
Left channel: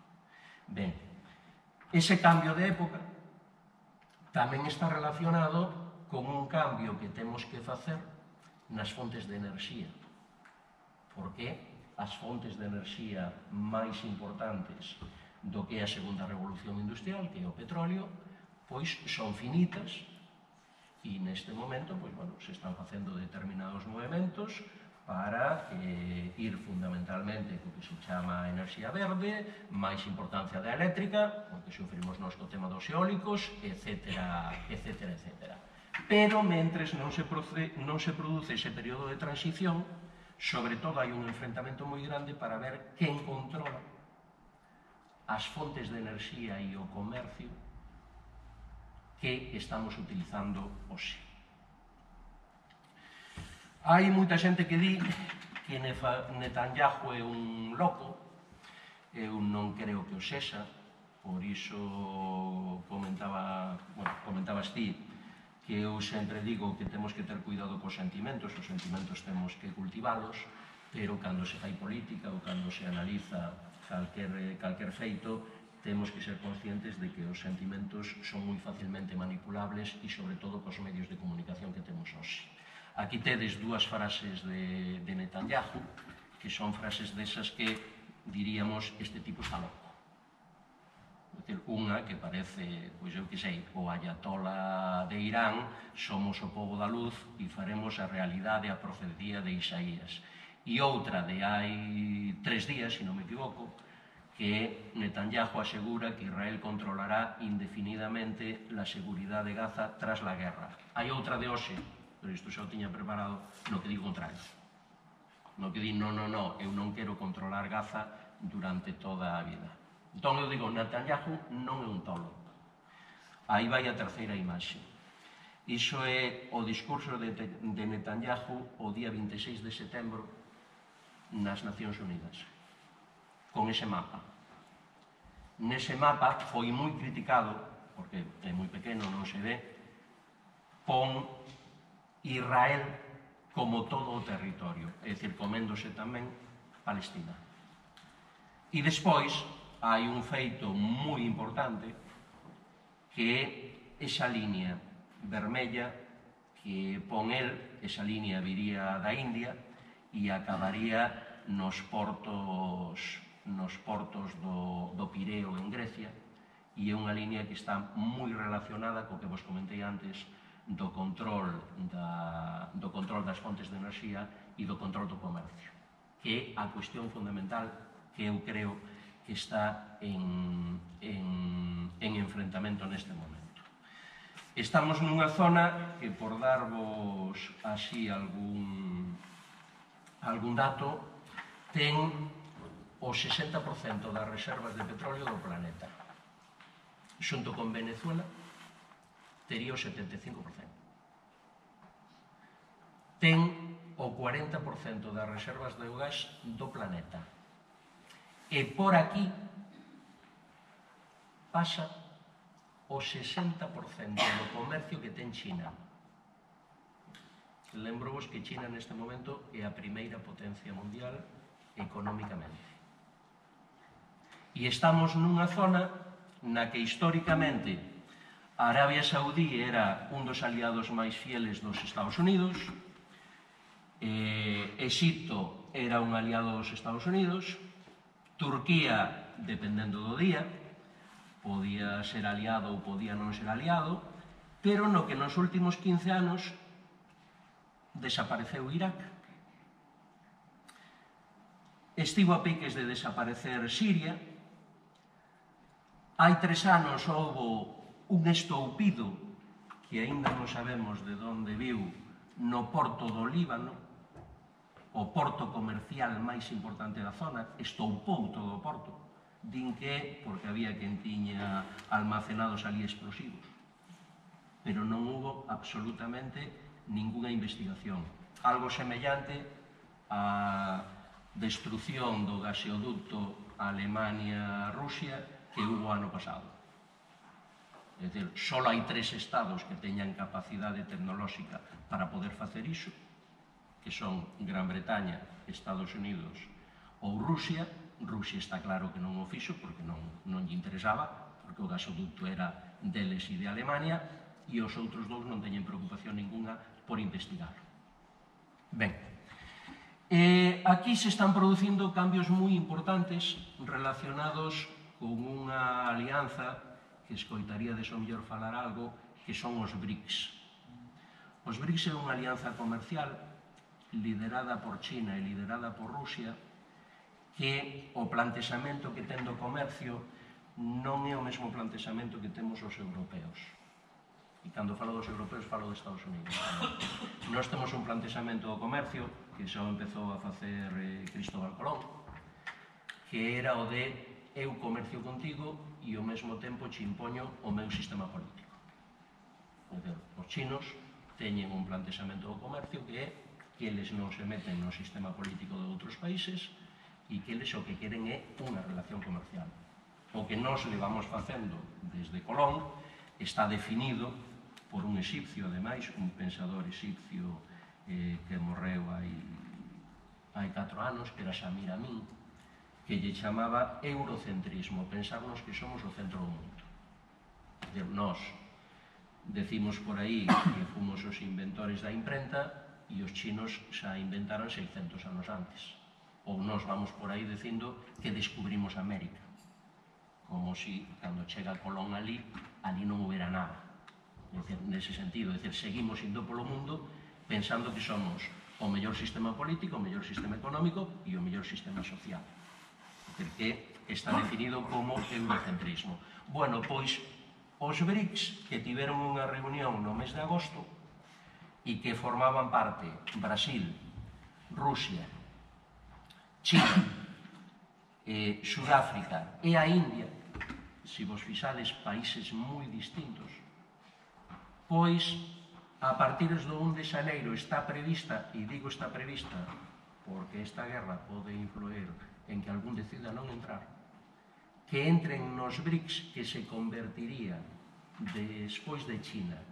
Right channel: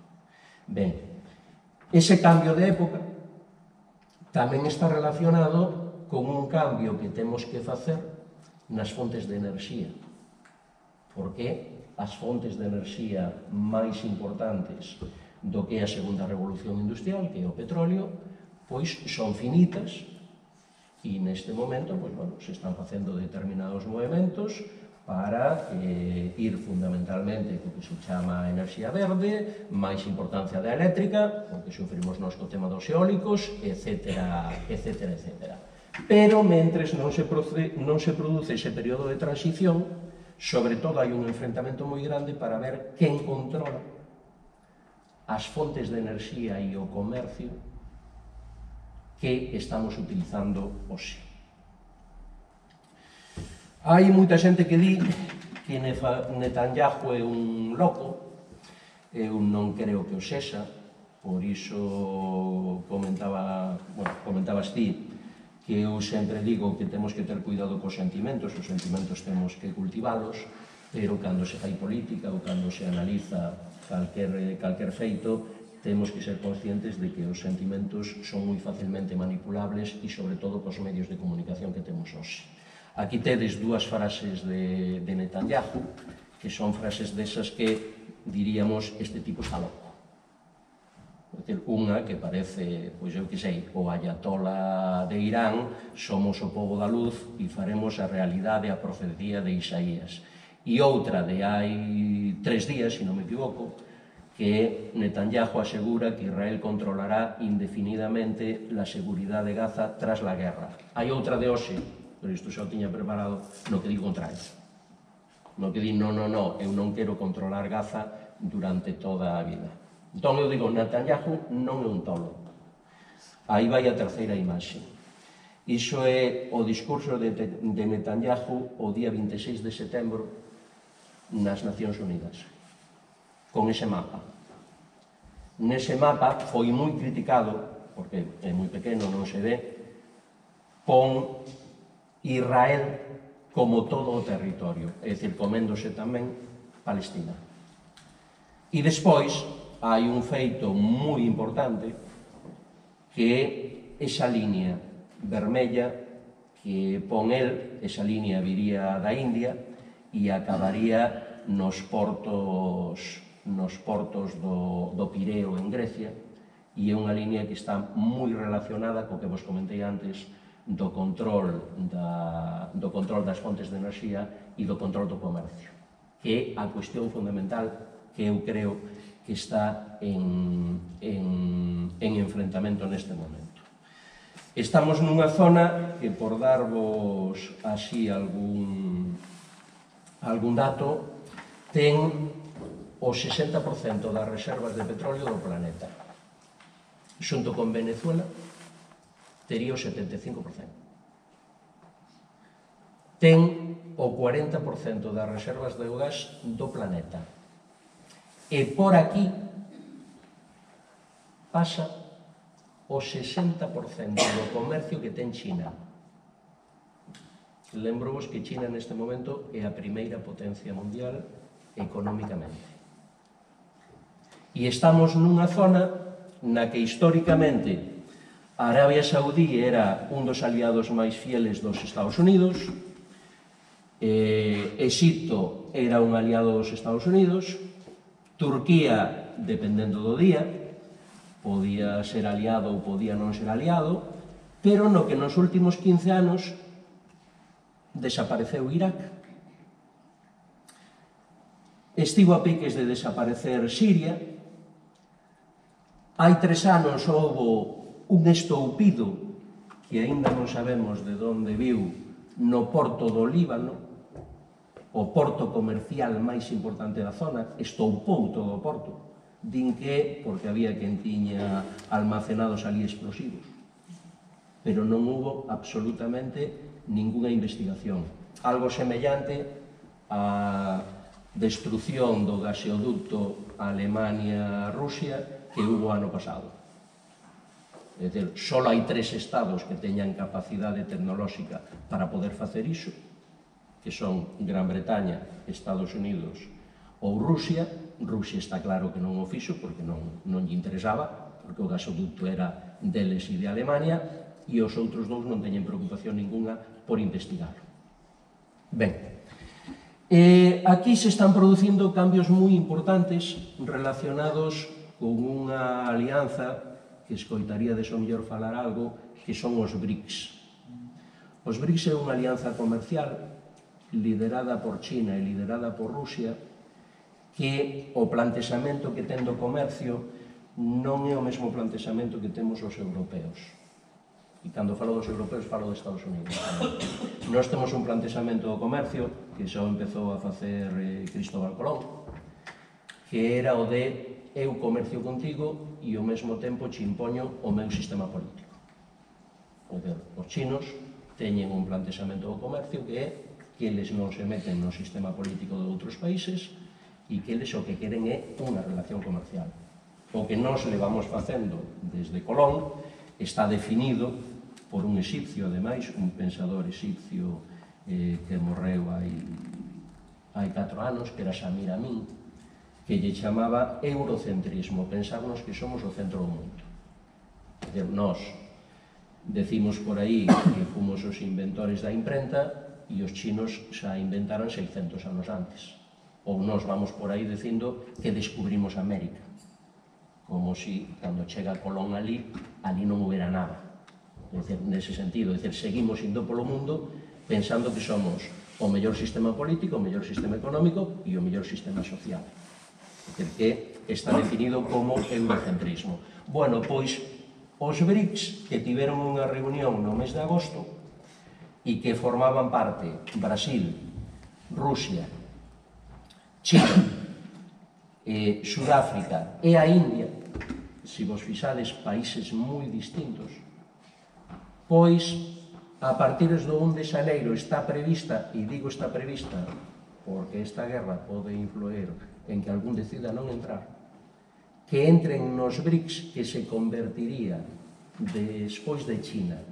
Ben, ese cambio de época tamén está relacionado con un cambio que temos que facer nas fontes de enerxía, porque as fontes de enerxía máis importantes do que é a segunda revolución industrial, que é o petróleo, pois son finitas, e neste momento se están facendo determinados movimentos para ir fundamentalmente co que se chama enerxía verde, máis importancia da eléctrica, porque sufrimos nós co tema dos eólicos, etc. Pero, mentres non se produce ese período de transición, sobre todo hai un enfrentamento moi grande para ver quen controla as fontes de enerxía e o comercio que estamos utilizando hoxe. Hai moita xente que di que Netanyahu é un loco. Eu non creo que o sexa, por iso comentabas ti que eu sempre digo que temos que ter cuidado cos sentimentos, os sentimentos temos que cultivalos, pero cando se fai política ou cando se analiza calquer feito, temos que ser conscientes de que os sentimentos son moi facilmente manipulables e, sobre todo, cos medios de comunicación que temos hoxe. Aquí tedes dúas frases de Netanyahu, que son frases desas que diríamos este tipo está loco. Unha que parece, pois eu que sei, o ayatola de Irán, somos o pobo da luz e faremos a realidade a profecía de Isaías. E outra de hai 3 días, se non me equivoco, que Netanyahu asegura que Israel controlará indefinidamente la seguridad de Gaza tras la guerra. Hai outra de hoxe, pero isto xa o tiña preparado, no que di contrario. No que di, non, eu non quero controlar Gaza durante toda a vida. Entón eu digo, Netanyahu non é un tolo. Aí vai a terceira imaxe. Iso é o discurso de Netanyahu o día 26 de setembro nas Nacións Unidas, con ese mapa. Nese mapa foi moi criticado, porque é moi pequeno, non se ve, pon Israel como todo o territorio, é dicir, coméndose tamén Palestina. E despois hai un feito moi importante que é esa línea vermella que pon el, esa línea viría da India e acabaría nos portos do Pireo en Grecia, e é unha línea que está moi relacionada co que vos comentei antes do control das fontes de enerxía e do control do comercio, que é a cuestión fundamental que eu creo que está en enfrentamento neste momento. Estamos nunha zona que, por darvos así algún dato, ten o 60% das reservas de petróleo do planeta. Xunto con Venezuela, tería o 75%. Ten o 40% das reservas de gas do planeta. E por aquí pasa o 60% do comercio que ten China. Lembro-vos que China neste momento é a primeira potencia mundial económicamente. E estamos nunha zona na que históricamente Arabia Saudí era un dos aliados máis fieles dos Estados Unidos, Egipto era un aliado dos Estados Unidos, Turquía, dependendo do día, podía ser aliado ou podía non ser aliado, pero no que nos últimos 15 anos desapareceu Irak. Estivo a piques de desaparecer Siria. Hai 3 anos houbo un estoupido que aínda non sabemos de onde viu no porto do Líbano, o porto comercial máis importante da zona, estoupou todo o porto. Din que porque había quen tiña almacenados ali explosivos. Pero non hubo absolutamente ninguna investigación. Algo semellante á destrucción do gaseoducto Alemania-Rusia que hubo ano pasado. É dicir, só hai 3 estados que teñan capacidade tecnolóxica para poder facer iso, que son Gran Bretaña, Estados Unidos ou Rusia. Rusia está claro que non o fixo porque non lle interesaba, porque o gasoducto era deles e de Alemania, e os outros dous non teñen preocupación ninguna por investigarlo. Ben, aquí se están producindo cambios moi importantes relacionados con unha alianza que escoitaríades o mellor falar algo, que son os BRICS. Os BRICS é unha alianza comercial liderada por China e liderada por Rusia, que o plantexamento que ten do comercio non é o mesmo plantexamento que temos os europeos. E cando falo dos europeos, falo dos Estados Unidos. Nós temos un plantexamento do comercio que xa empezou a facer Cristóbal Colón, que era o de eu comercio contigo e ao mesmo tempo che impoño o meu sistema político. Os chinos teñen un plantexamento do comercio que é que eles non se meten no sistema político de outros países e que eles o que queren é unha relación comercial. O que nós levamos facendo desde Colón está definido por un exipcio, ademais, un pensador exipcio que morreu hai 4 anos, que era Shamir Amin, que lle chamaba eurocentrismo, pensarnos que somos o centro do mundo. É dicir, nós decimos por aí que fomos os inventores da imprenta e os chinos xa inventaron 600 anos antes. Ou nós vamos por aí dicindo que descubrimos América, como si, cando chega Colón ali non houbera nada. É dicir, nese sentido, seguimos indo polo mundo pensando que somos o mellor sistema político, o mellor sistema económico e o mellor sistema social. É dicir, que está definido como eurocentrismo. Bueno, pois, os BRICS, que tiveron unha reunión no mes de agosto e que formaban parte Brasil, Rusia, China, Sudáfrica e a India, se vos fixades, países moi distintos, pois, a partir do 1 de xaneiro está prevista, e digo está prevista porque esta guerra pode influir en que algún decida non entrar, que entren nos BRICS, que se convertiría despois de China,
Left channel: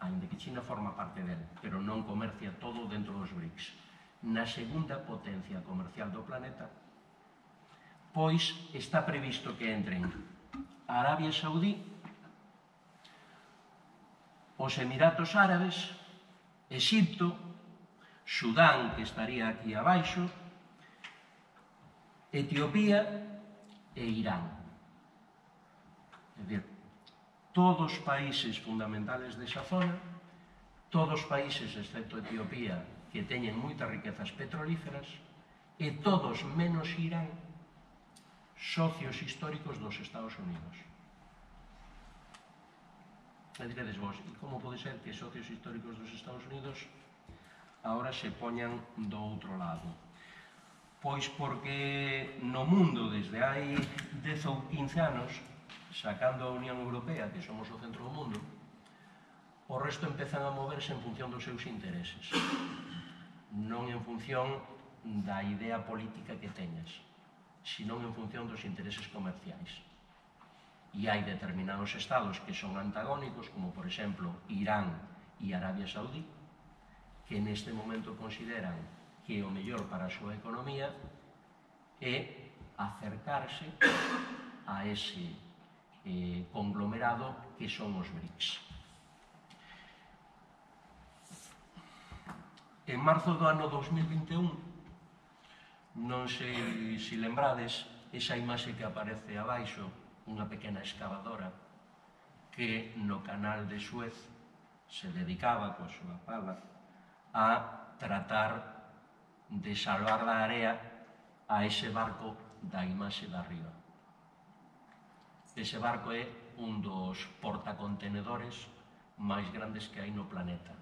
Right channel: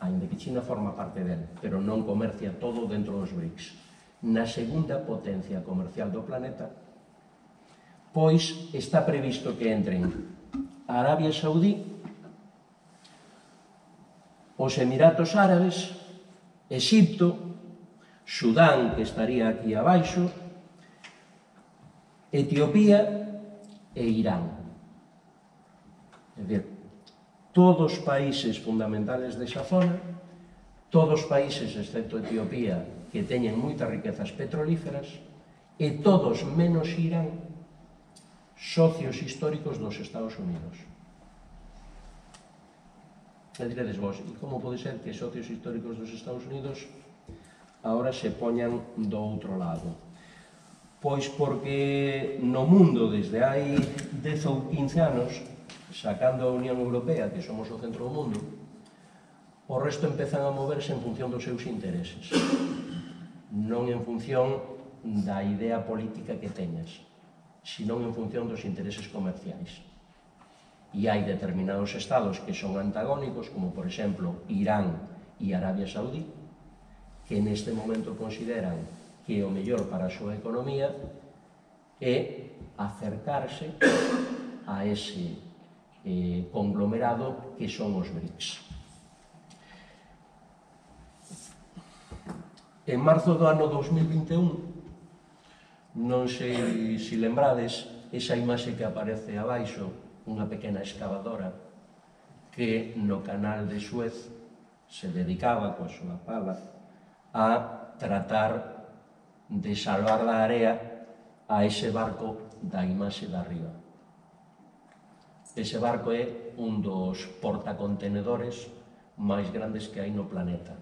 ainda que China forma parte del, pero non comercia todo dentro dos BRICS, na segunda potencia comercial do planeta, pois está previsto que entren a Arabia Saudí, os Emiratos Árabes, Exipto, Sudán, que estaría aquí abaixo, Etiopía e Irán. É dicir, todos os países fundamentales desa zona, todos os países, excepto Etiopía, que teñen moitas riquezas petrolíferas, e todos, menos Irán, socios históricos dos Estados Unidos. E diredes vos, e como pode ser que socios históricos dos Estados Unidos agora se poñan do outro lado? Pois porque no mundo, desde hai 10 ou 15 anos, sacando a Unión Europea, que somos o centro do mundo, o resto empezan a moverse en función dos seus intereses, non en función da idea política que teñas, senón en función dos intereses comerciais. E hai determinados estados que son antagónicos, como por exemplo Irán e Arabia Saudí, que neste momento consideran que o mellor para a súa economía é acercarse a ese conglomerado que son os BRICS. En marzo do ano 2021, non sei se lembrades, esa imaxe que aparece abaixo, unha pequena excavadora que no canal de Suez se dedicaba coa súa pala a tratar de salvar da area a ese barco da imaxe da arriba. Ese barco é un dos portacontenedores máis grandes que hai no planeta.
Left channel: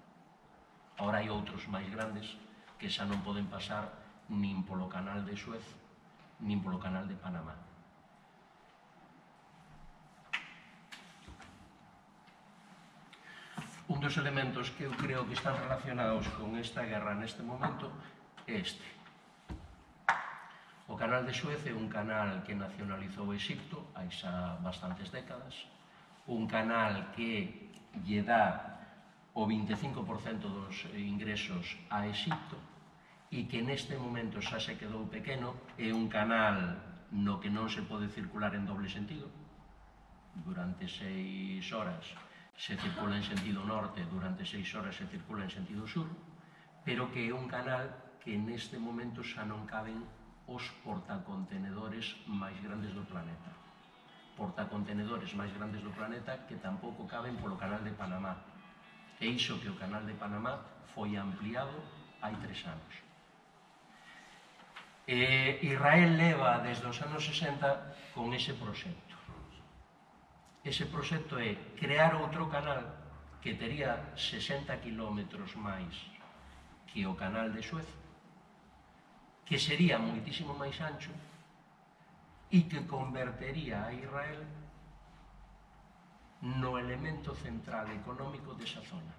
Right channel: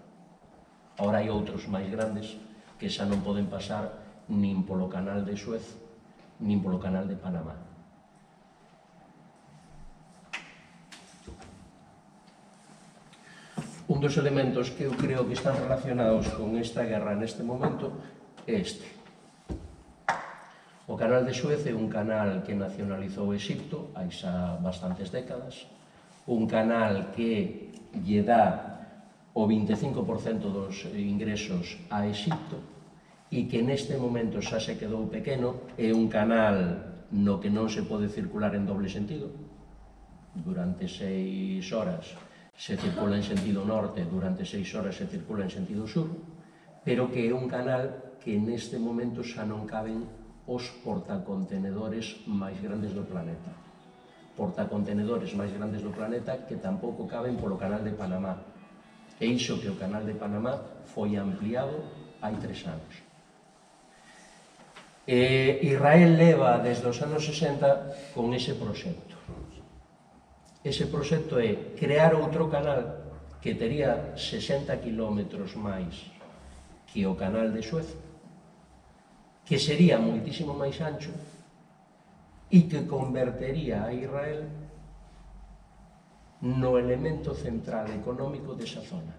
Ahora hai outros máis grandes que xa non poden pasar nin polo canal de Suez, nin polo canal de Panamá. Un dos elementos que eu creo que están relacionados con esta guerra neste momento é este. O canal de Suez é un canal que nacionalizou Exipto hai xa bastantes décadas, un canal que lle dá o 25% dos ingresos a Egipto e que neste momento xa se quedou pequeno, é un canal no que non se pode circular en doble sentido. Durante 6 horas se circula en sentido norte, durante 6 horas se circula en sentido sur, pero que é un canal que neste momento xa non caben os portacontenedores máis grandes do planeta. Portacontenedores máis grandes do planeta que tampouco caben polo canal de Panamá. E iso que o canal de Panamá foi ampliado hai 3 anos. Israel leva desde os anos 60 con ese proxecto. Ese proxecto é crear outro canal que tería 60 kilómetros máis que o canal de Suez, que sería moitísimo máis ancho e que convertería a Israel no elemento central económico desa zona.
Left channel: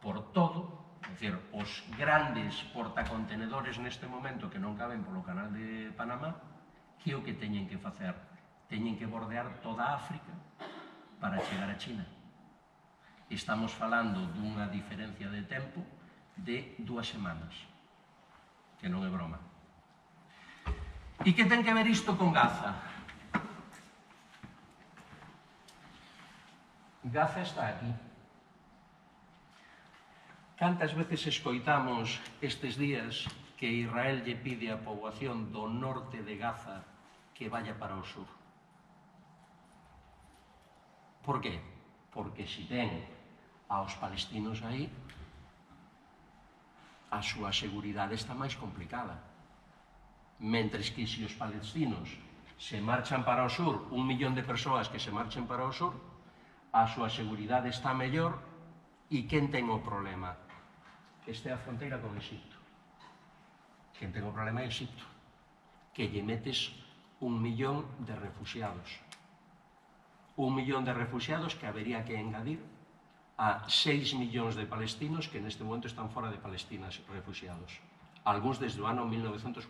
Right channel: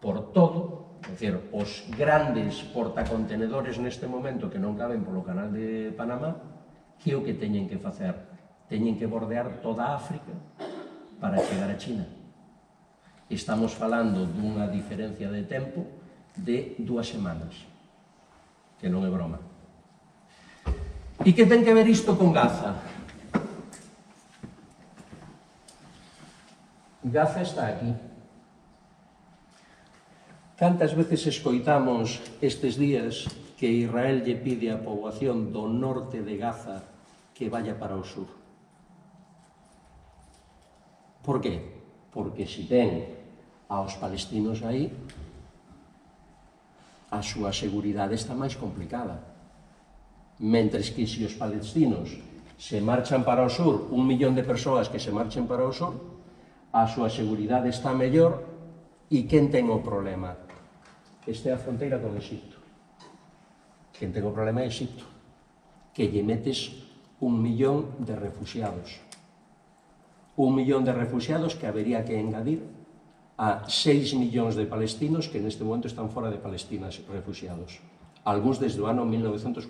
Por todo, é dicir, os grandes portacontenedores neste momento que non caben polo canal de Panamá, que é o que teñen que facer? Teñen que bordear toda África para chegar a China. Estamos falando dunha diferencia de tempo de 2 semanas, que non é broma. E que ten que ver isto con Gaza? Gaza está aquí. Cantas veces escoitamos estes días que Israel lle pide á poboación do norte de Gaza que vaya para o sur? Por qué? Porque se ten aos palestinos aí, a súa seguridade está máis complicada. Mentres que se os palestinos se marchan para o sur, 1 millón de persoas que se marchen para o sur, a súa seguridade está mellor. E quen ten o problema? Esta é a fronteira con Egipto. Quen ten o problema é Egipto, que lle metes 1 millón de refugiados. 1 millón de refugiados que habería que engadir a 6 millóns de palestinos que neste momento están fora de Palestina refugiados. Algúns desde o ano 1948.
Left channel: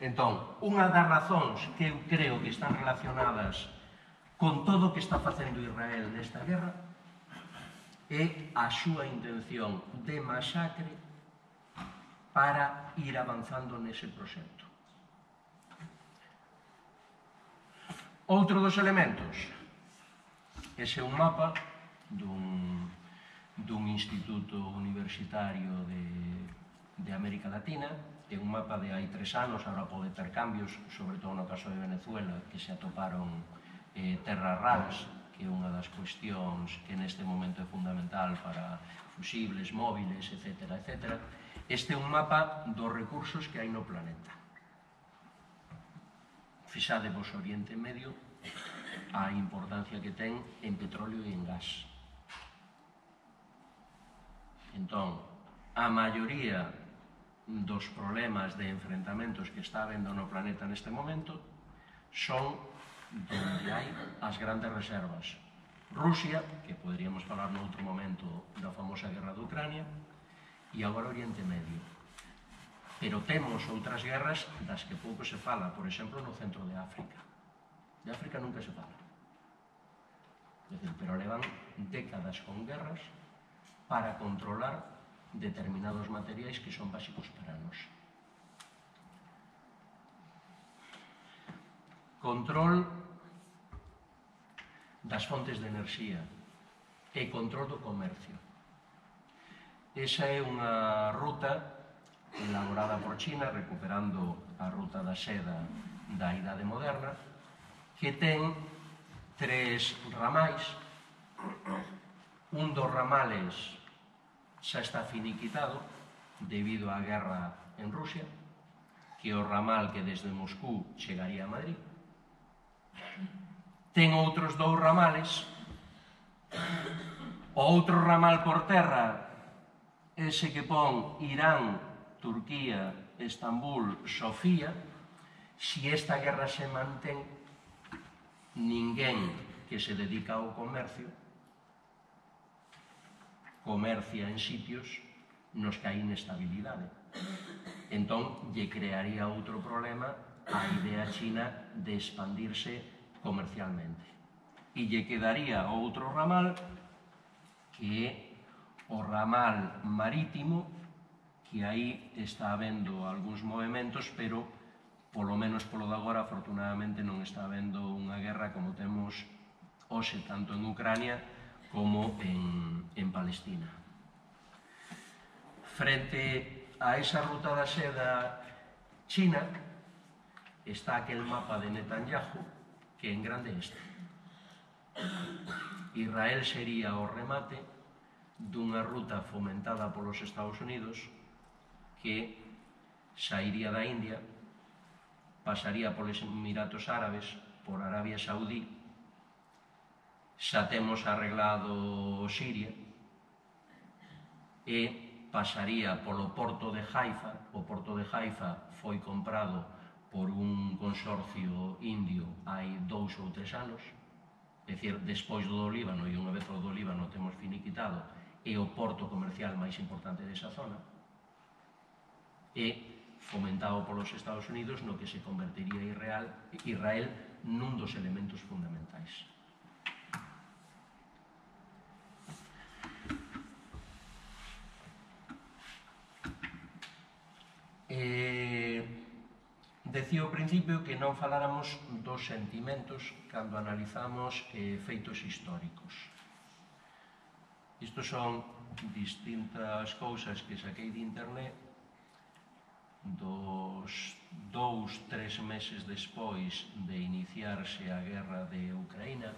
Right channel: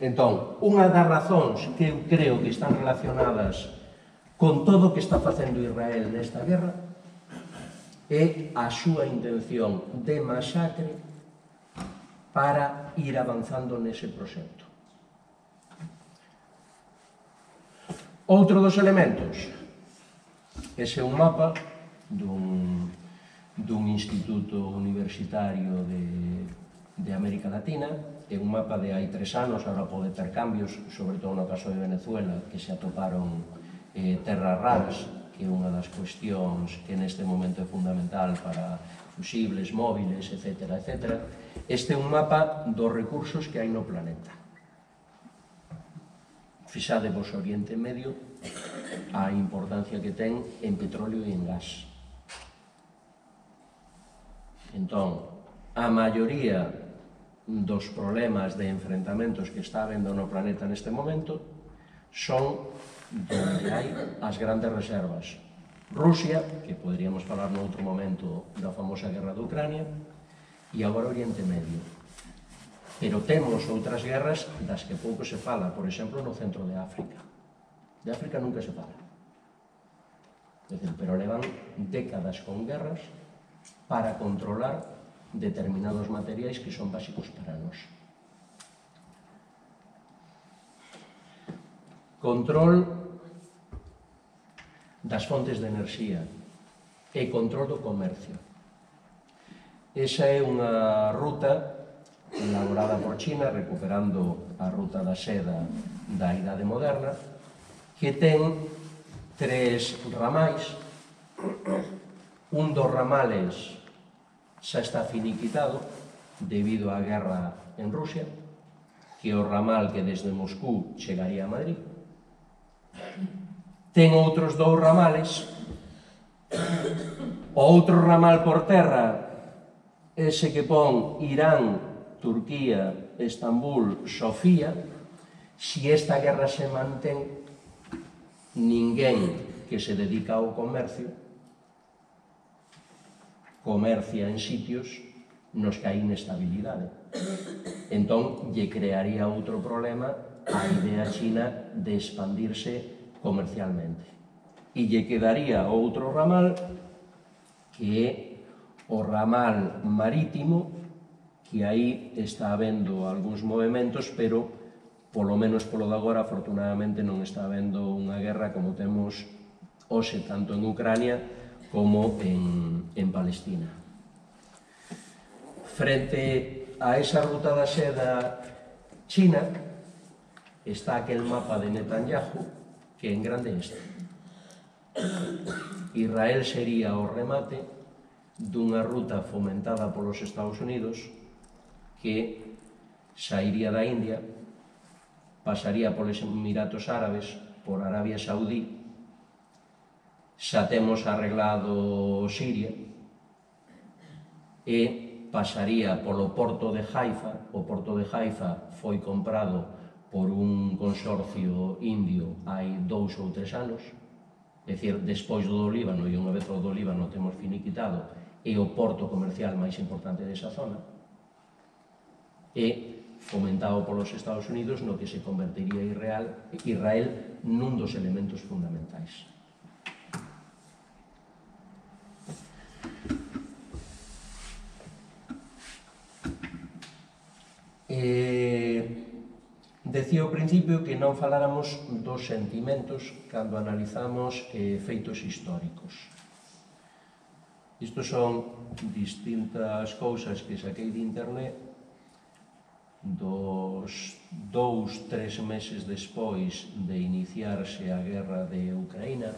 Entón, unha das razóns que eu creo que están relacionadas con todo o que está facendo Israel nesta guerra é a súa intención de masacre para ir avanzando nese proxecto. Outro dos elementos, ese é un mapa dun instituto universitario de América Latina, é un mapa de hai 3 anos, agora pode ter cambios, sobre todo no caso de Venezuela, que se atoparon terras raras, que é unha das cuestións que neste momento é fundamental para fusibles, móviles, etc. etc. Este é un mapa dos recursos que hai no planeta. Fixadevos o Oriente Medio, a importancia que ten en petróleo e en gas. Entón, a maioría dos problemas de enfrentamentos que está habendo no planeta neste momento son donde hai as grandes reservas. Rusia, que poderíamos falar noutro momento da famosa guerra de Ucrania, e agora Oriente Medio. Pero temos outras guerras das que pouco se fala, por exemplo, no centro de África. De África nunca se fala. Pero levan décadas con guerras para controlar determinados materiais que son básicos para nós. Control das fontes de enerxía e control do comercio. Esa é unha ruta elaborada por China, recuperando a ruta da seda da Idade Moderna, que ten 3 ramais. Un dos ramales xa está finiquitado debido á guerra en Rusia, que é o ramal que desde Moscú chegaría a Madrid. Ten outros 2 ramales. O outro ramal por terra, ese que pon Irán, Turquía, Estambul, Sofía. Se esta guerra se mantén, ninguén que se dedica ao comercio comercia en sitios nos que hai inestabilidade. Entón, lle crearía outro problema a idea china de expandirse comercialmente. E lle quedaría outro ramal, que é o ramal marítimo, que aí está habendo algúns movimentos, pero polo menos polo de agora, afortunadamente, non está habendo unha guerra como temos hoxe tanto en Ucrania como en Palestina. Frente a esa ruta da seda china está aquel mapa de Netanyahu, que en grande este. Israel sería o remate dunha ruta fomentada polos Estados Unidos que sairía da India, pasaría polos Emiratos Árabes, por Arabia Saudí, xa temos arreglado Siria, e pasaría polo porto de Haifa. O porto de Haifa foi comprado por un consorcio indio hai 2 ou 3 anos, é dicir, despois do Líbano, e unha vez o do Líbano temos finiquitado, é o porto comercial máis importante desa zona, e fomentado polos Estados Unidos, no que se convertiría Israel nun dos elementos fundamentais. Decía ao principio que non faláramos dos sentimentos cando analizamos feitos históricos. Isto son distintas cousas que saquei de internet dos 2-3 meses despois de iniciarse a guerra de Ucraína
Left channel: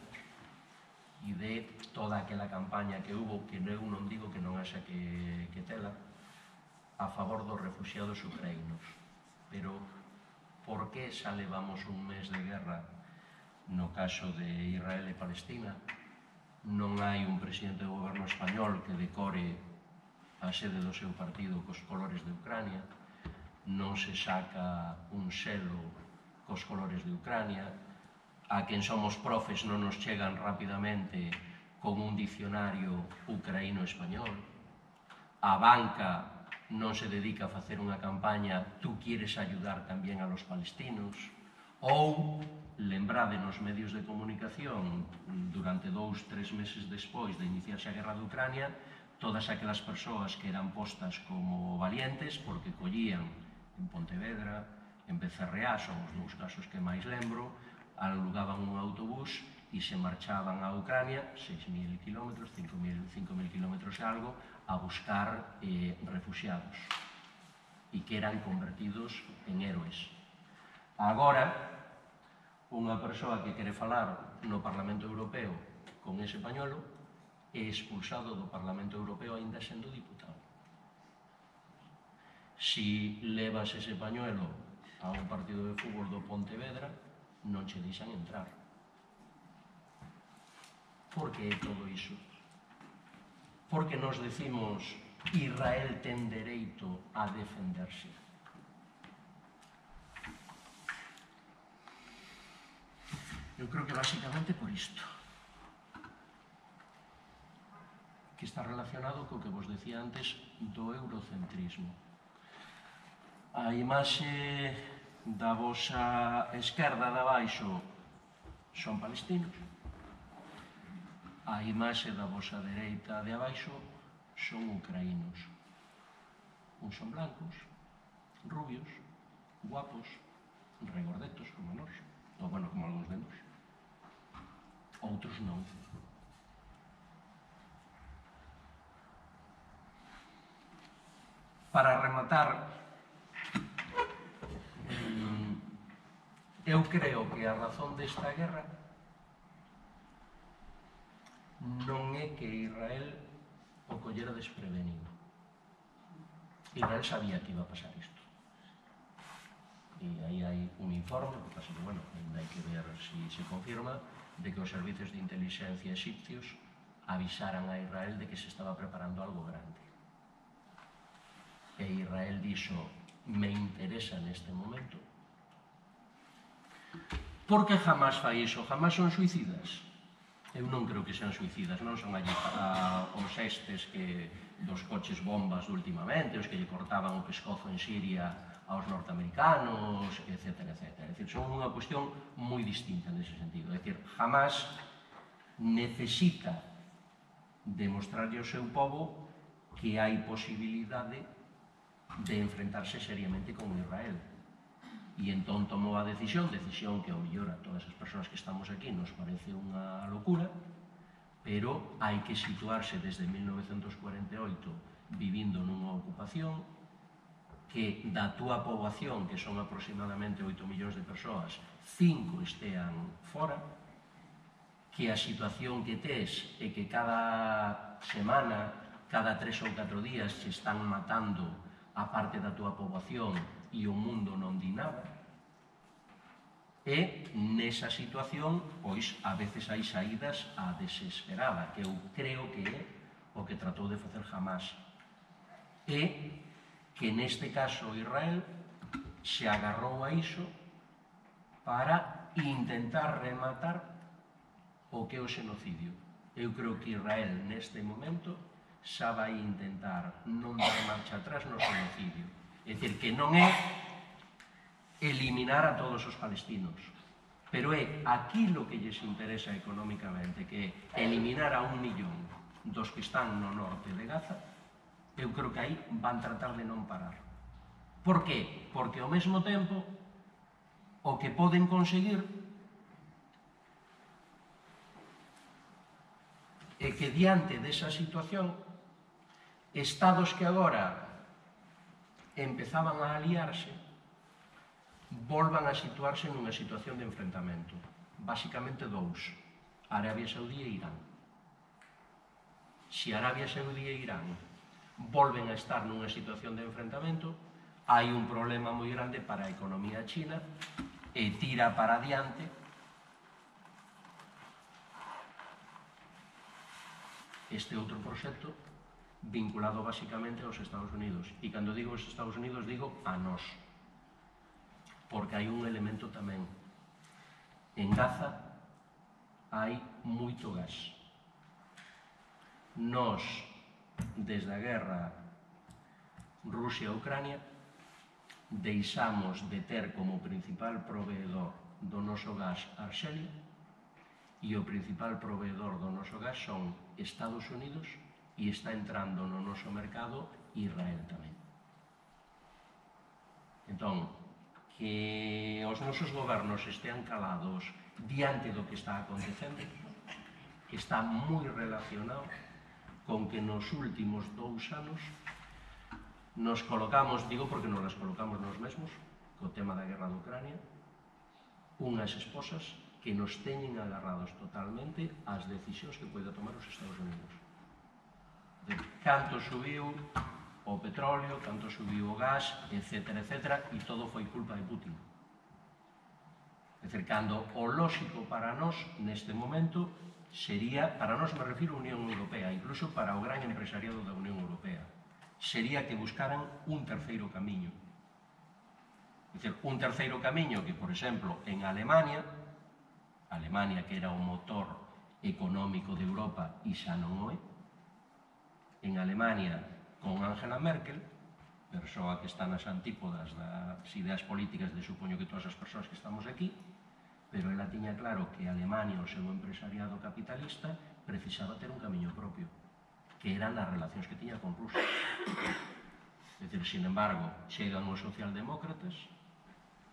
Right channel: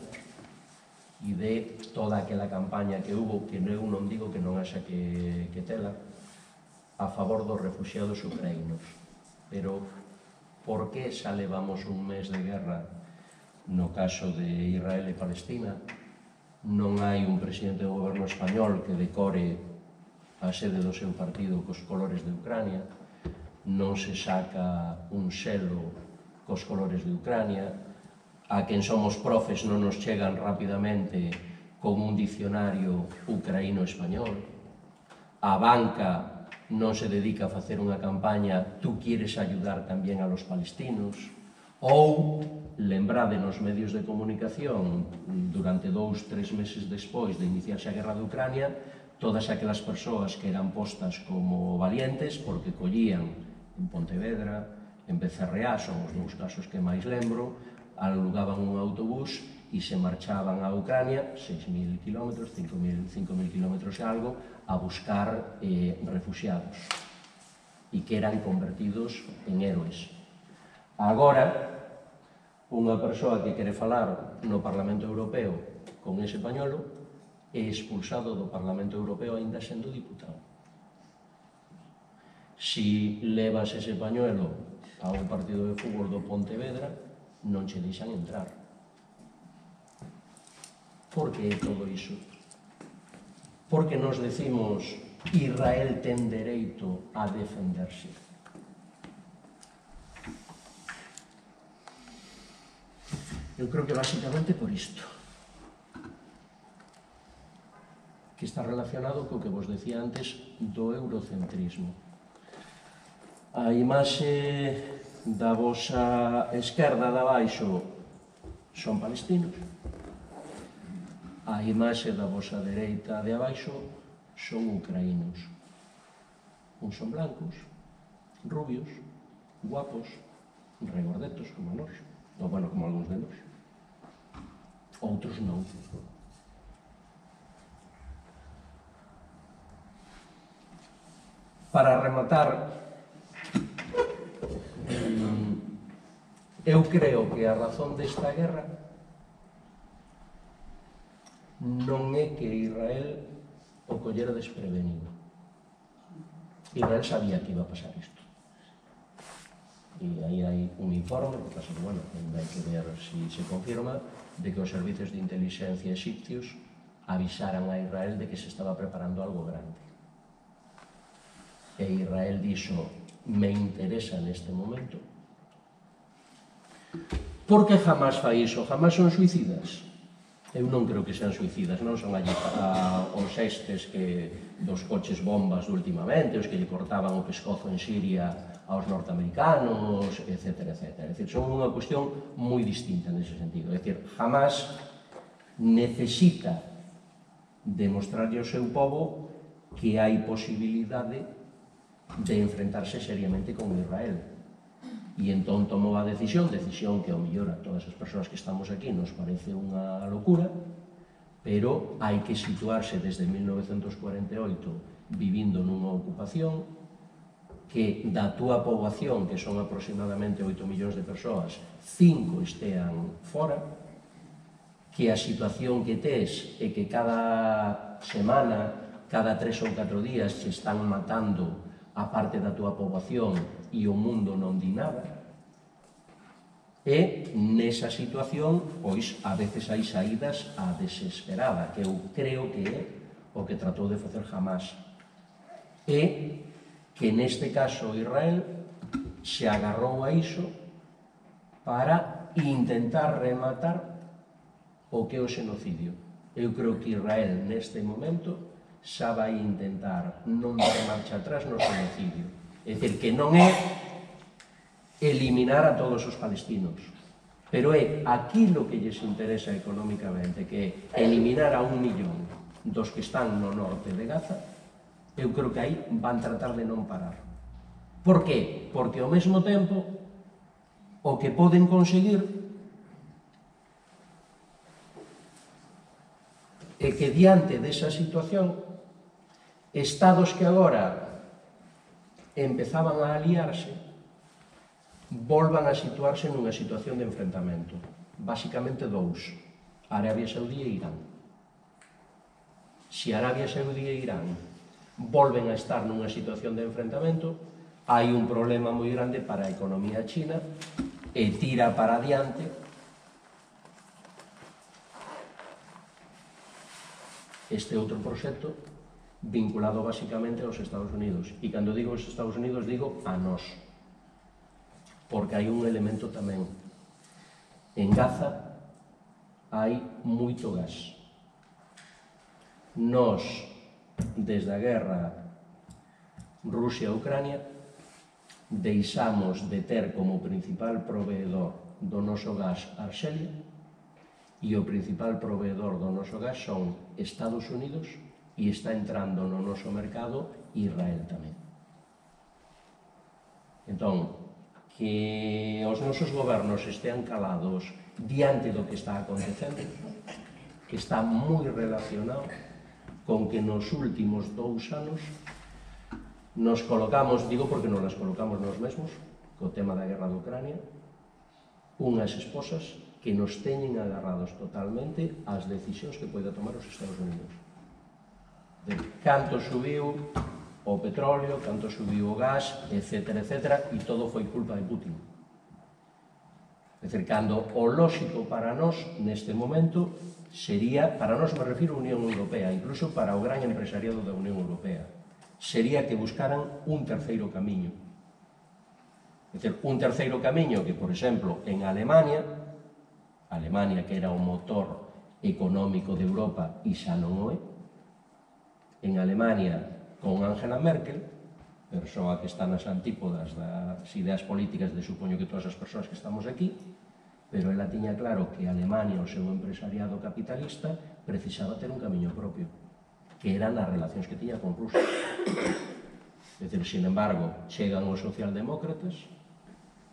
e de toda aquela campaña que hubo, que eu non digo que non haxa que tela, a favor dos refugiados ucraínos. Pero por que xa levamos un mes de guerra no caso de Israel e Palestina? Non hai un presidente do goberno español que decore a sede do seu partido cos colores de Ucrania, non se saca un selo cos colores de Ucrania, a quen somos profes non nos chegan rapidamente con un dicionario ucraíno-español, a banca non se dedica a facer unha campaña "tú quieres ayudar tamén a los palestinos", ou, lembrade nos medios de comunicación, durante 2-3 meses despois de iniciarse a guerra de Ucrania, todas aquelas persoas que eran postas como valientes, porque collían en Pontevedra, en Becerreá, son os 2 casos que máis lembro, alugaban un autobús e se marchaban a Ucrania, 6.000 kilómetros, 5.000 kilómetros e algo, a buscar refugiados, e que eran convertidos en héroes. Agora, unha persoa que quere falar no Parlamento Europeo con ese pañuelo é expulsado do Parlamento Europeo aínda sendo diputado. Si levas ese pañuelo a un partido de fútbol do Pontevedra, non che deixan entrar. Por que é todo iso? Porque nos decimos Israel ten dereito a defenderse. Eu creo que basicamente por isto, que está relacionado co que vos decía antes do eurocentrismo. A imaxe da vosa esquerda de abaixo son palestinos, a imaxe da vosa dereita de abaixo son ucraínos. Uns son blancos, rubios, guapos, regordetos como nós, ou bueno, como algúns de nós. Outros non. Para rematar, eu creo que a razón desta guerra non é que Israel o collera desprevenido. Israel sabía que iba a pasar isto. E aí hai un informe, que pasa que, bueno, hai que ver se se confirma, de que os servicios de inteligencia egipcios avisaran a Israel de que se estaba preparando algo grande. E Israel dixo, me interesa neste momento. Por que jamás fai iso? Jamás son suicidas? Eu non creo que sean suicidas, non son allí os estes dos coches bombas de últimamente, os que lle cortaban o pescozo en Siria aos norteamericanos, etc. É dicir, son unha cuestión moi distinta nese sentido. É dicir, jamás necesita demostrarlle ao seu povo que hai posibilidade de enfrentarse seriamente con Israel. E entón tomou a decisión que ao mellor a todas as persoas que estamos aquí nos parece unha locura, pero hai que situarse desde 1948 vivindo nunha ocupación que da túa poboación, que son aproximadamente 8 millóns de persoas, 5 estean fora, que a situación que tes é que cada semana, cada 3 ou 4 días se están matando a parte da túa poboación e o mundo non di nada. E nesa situación, pois, a veces hai saídas á desesperada, que eu creo que é o que tratou de facer Hamás. E que neste caso Israel se agarrou a iso para intentar rematar o que é o xenocidio. Eu creo que Israel neste momento xa vai intentar non dar marcha atrás no xenocidio. É dicir, que non é eliminar a todos os palestinos, pero é aquilo que lles interesa económicamente, que é eliminar a 1 millón dos que están no norte de Gaza. Eu creo que aí van tratar de non parar. Por qué? Porque ao mesmo tempo o que poden conseguir é que diante desa situación estados que agora empezaban a aliarse volvan a situarse nunha situación de enfrentamento. Básicamente dous: Arabia Saudí e Irán. Se Arabia Saudí e Irán volven a estar nunha situación de enfrentamento, hai un problema moi grande para a economía china e tira para adiante este outro proxecto vinculado basicamente aos Estados Unidos. E cando digo aos Estados Unidos, digo a nós. Porque hai un elemento tamén. En Gaza hai moito gas. Nós, desde a guerra Rusia-Ucrania, deixamos de ter como principal proveedor do noso gas Arxelia, e o principal proveedor do noso gas son Estados Unidos, e está entrando no noso mercado Israel tamén. Entón, que os nosos gobernos estean calados diante do que está acontecendo está moi relacionado con que nos últimos 2 anos nos colocamos, digo porque nos las colocamos nós mesmos, co tema da guerra de Ucrania, unhas esposas que nos teñen agarrados totalmente ás decisións que poida tomar os Estados Unidos. De canto subiu o petróleo, canto subiu o gas, etc., e todo foi culpa de Putin. É dicir, cando o lóxico para nós, neste momento, sería, para nós me refiro a Unión Europea, incluso para o gran empresariado da Unión Europea, sería que buscaran un terceiro camiño. É dicir, un terceiro camiño que, por exemplo, en Alemania, que era o motor económico de Europa, e xa non o é, en Alemania, con Angela Merkel, persoa que está nas antípodas das ideas políticas de supoño que todas as persoas que estamos aquí, pero ela tiña claro que Alemania, o seu empresariado capitalista, precisaba ter un camiño propio, que eran as relacións que tiña con Rusia. É dicir, sin embargo, chegan os socialdemócratas,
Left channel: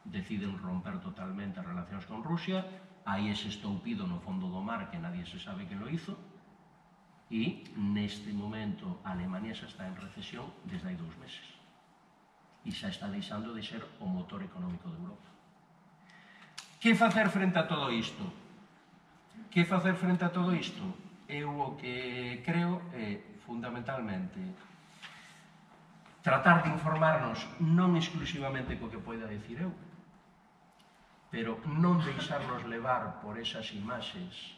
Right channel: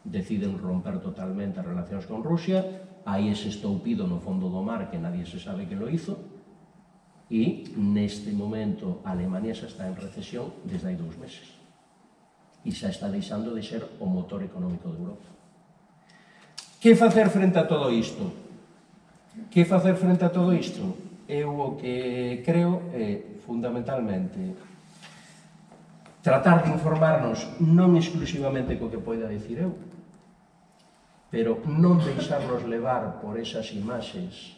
deciden romper totalmente as relacións con Rusia, hai ese estoupido no fondo do mar que nadie se sabe que lo hizo, e neste momento a Alemania xa está en recesión desde hai 2 meses e xa está deixando de ser o motor económico de Europa. Que facer frente a todo isto? Eu o que creo é fundamentalmente tratar de informarnos non exclusivamente co que poida dicir eu, pero non deixarnos levar por esas imaxes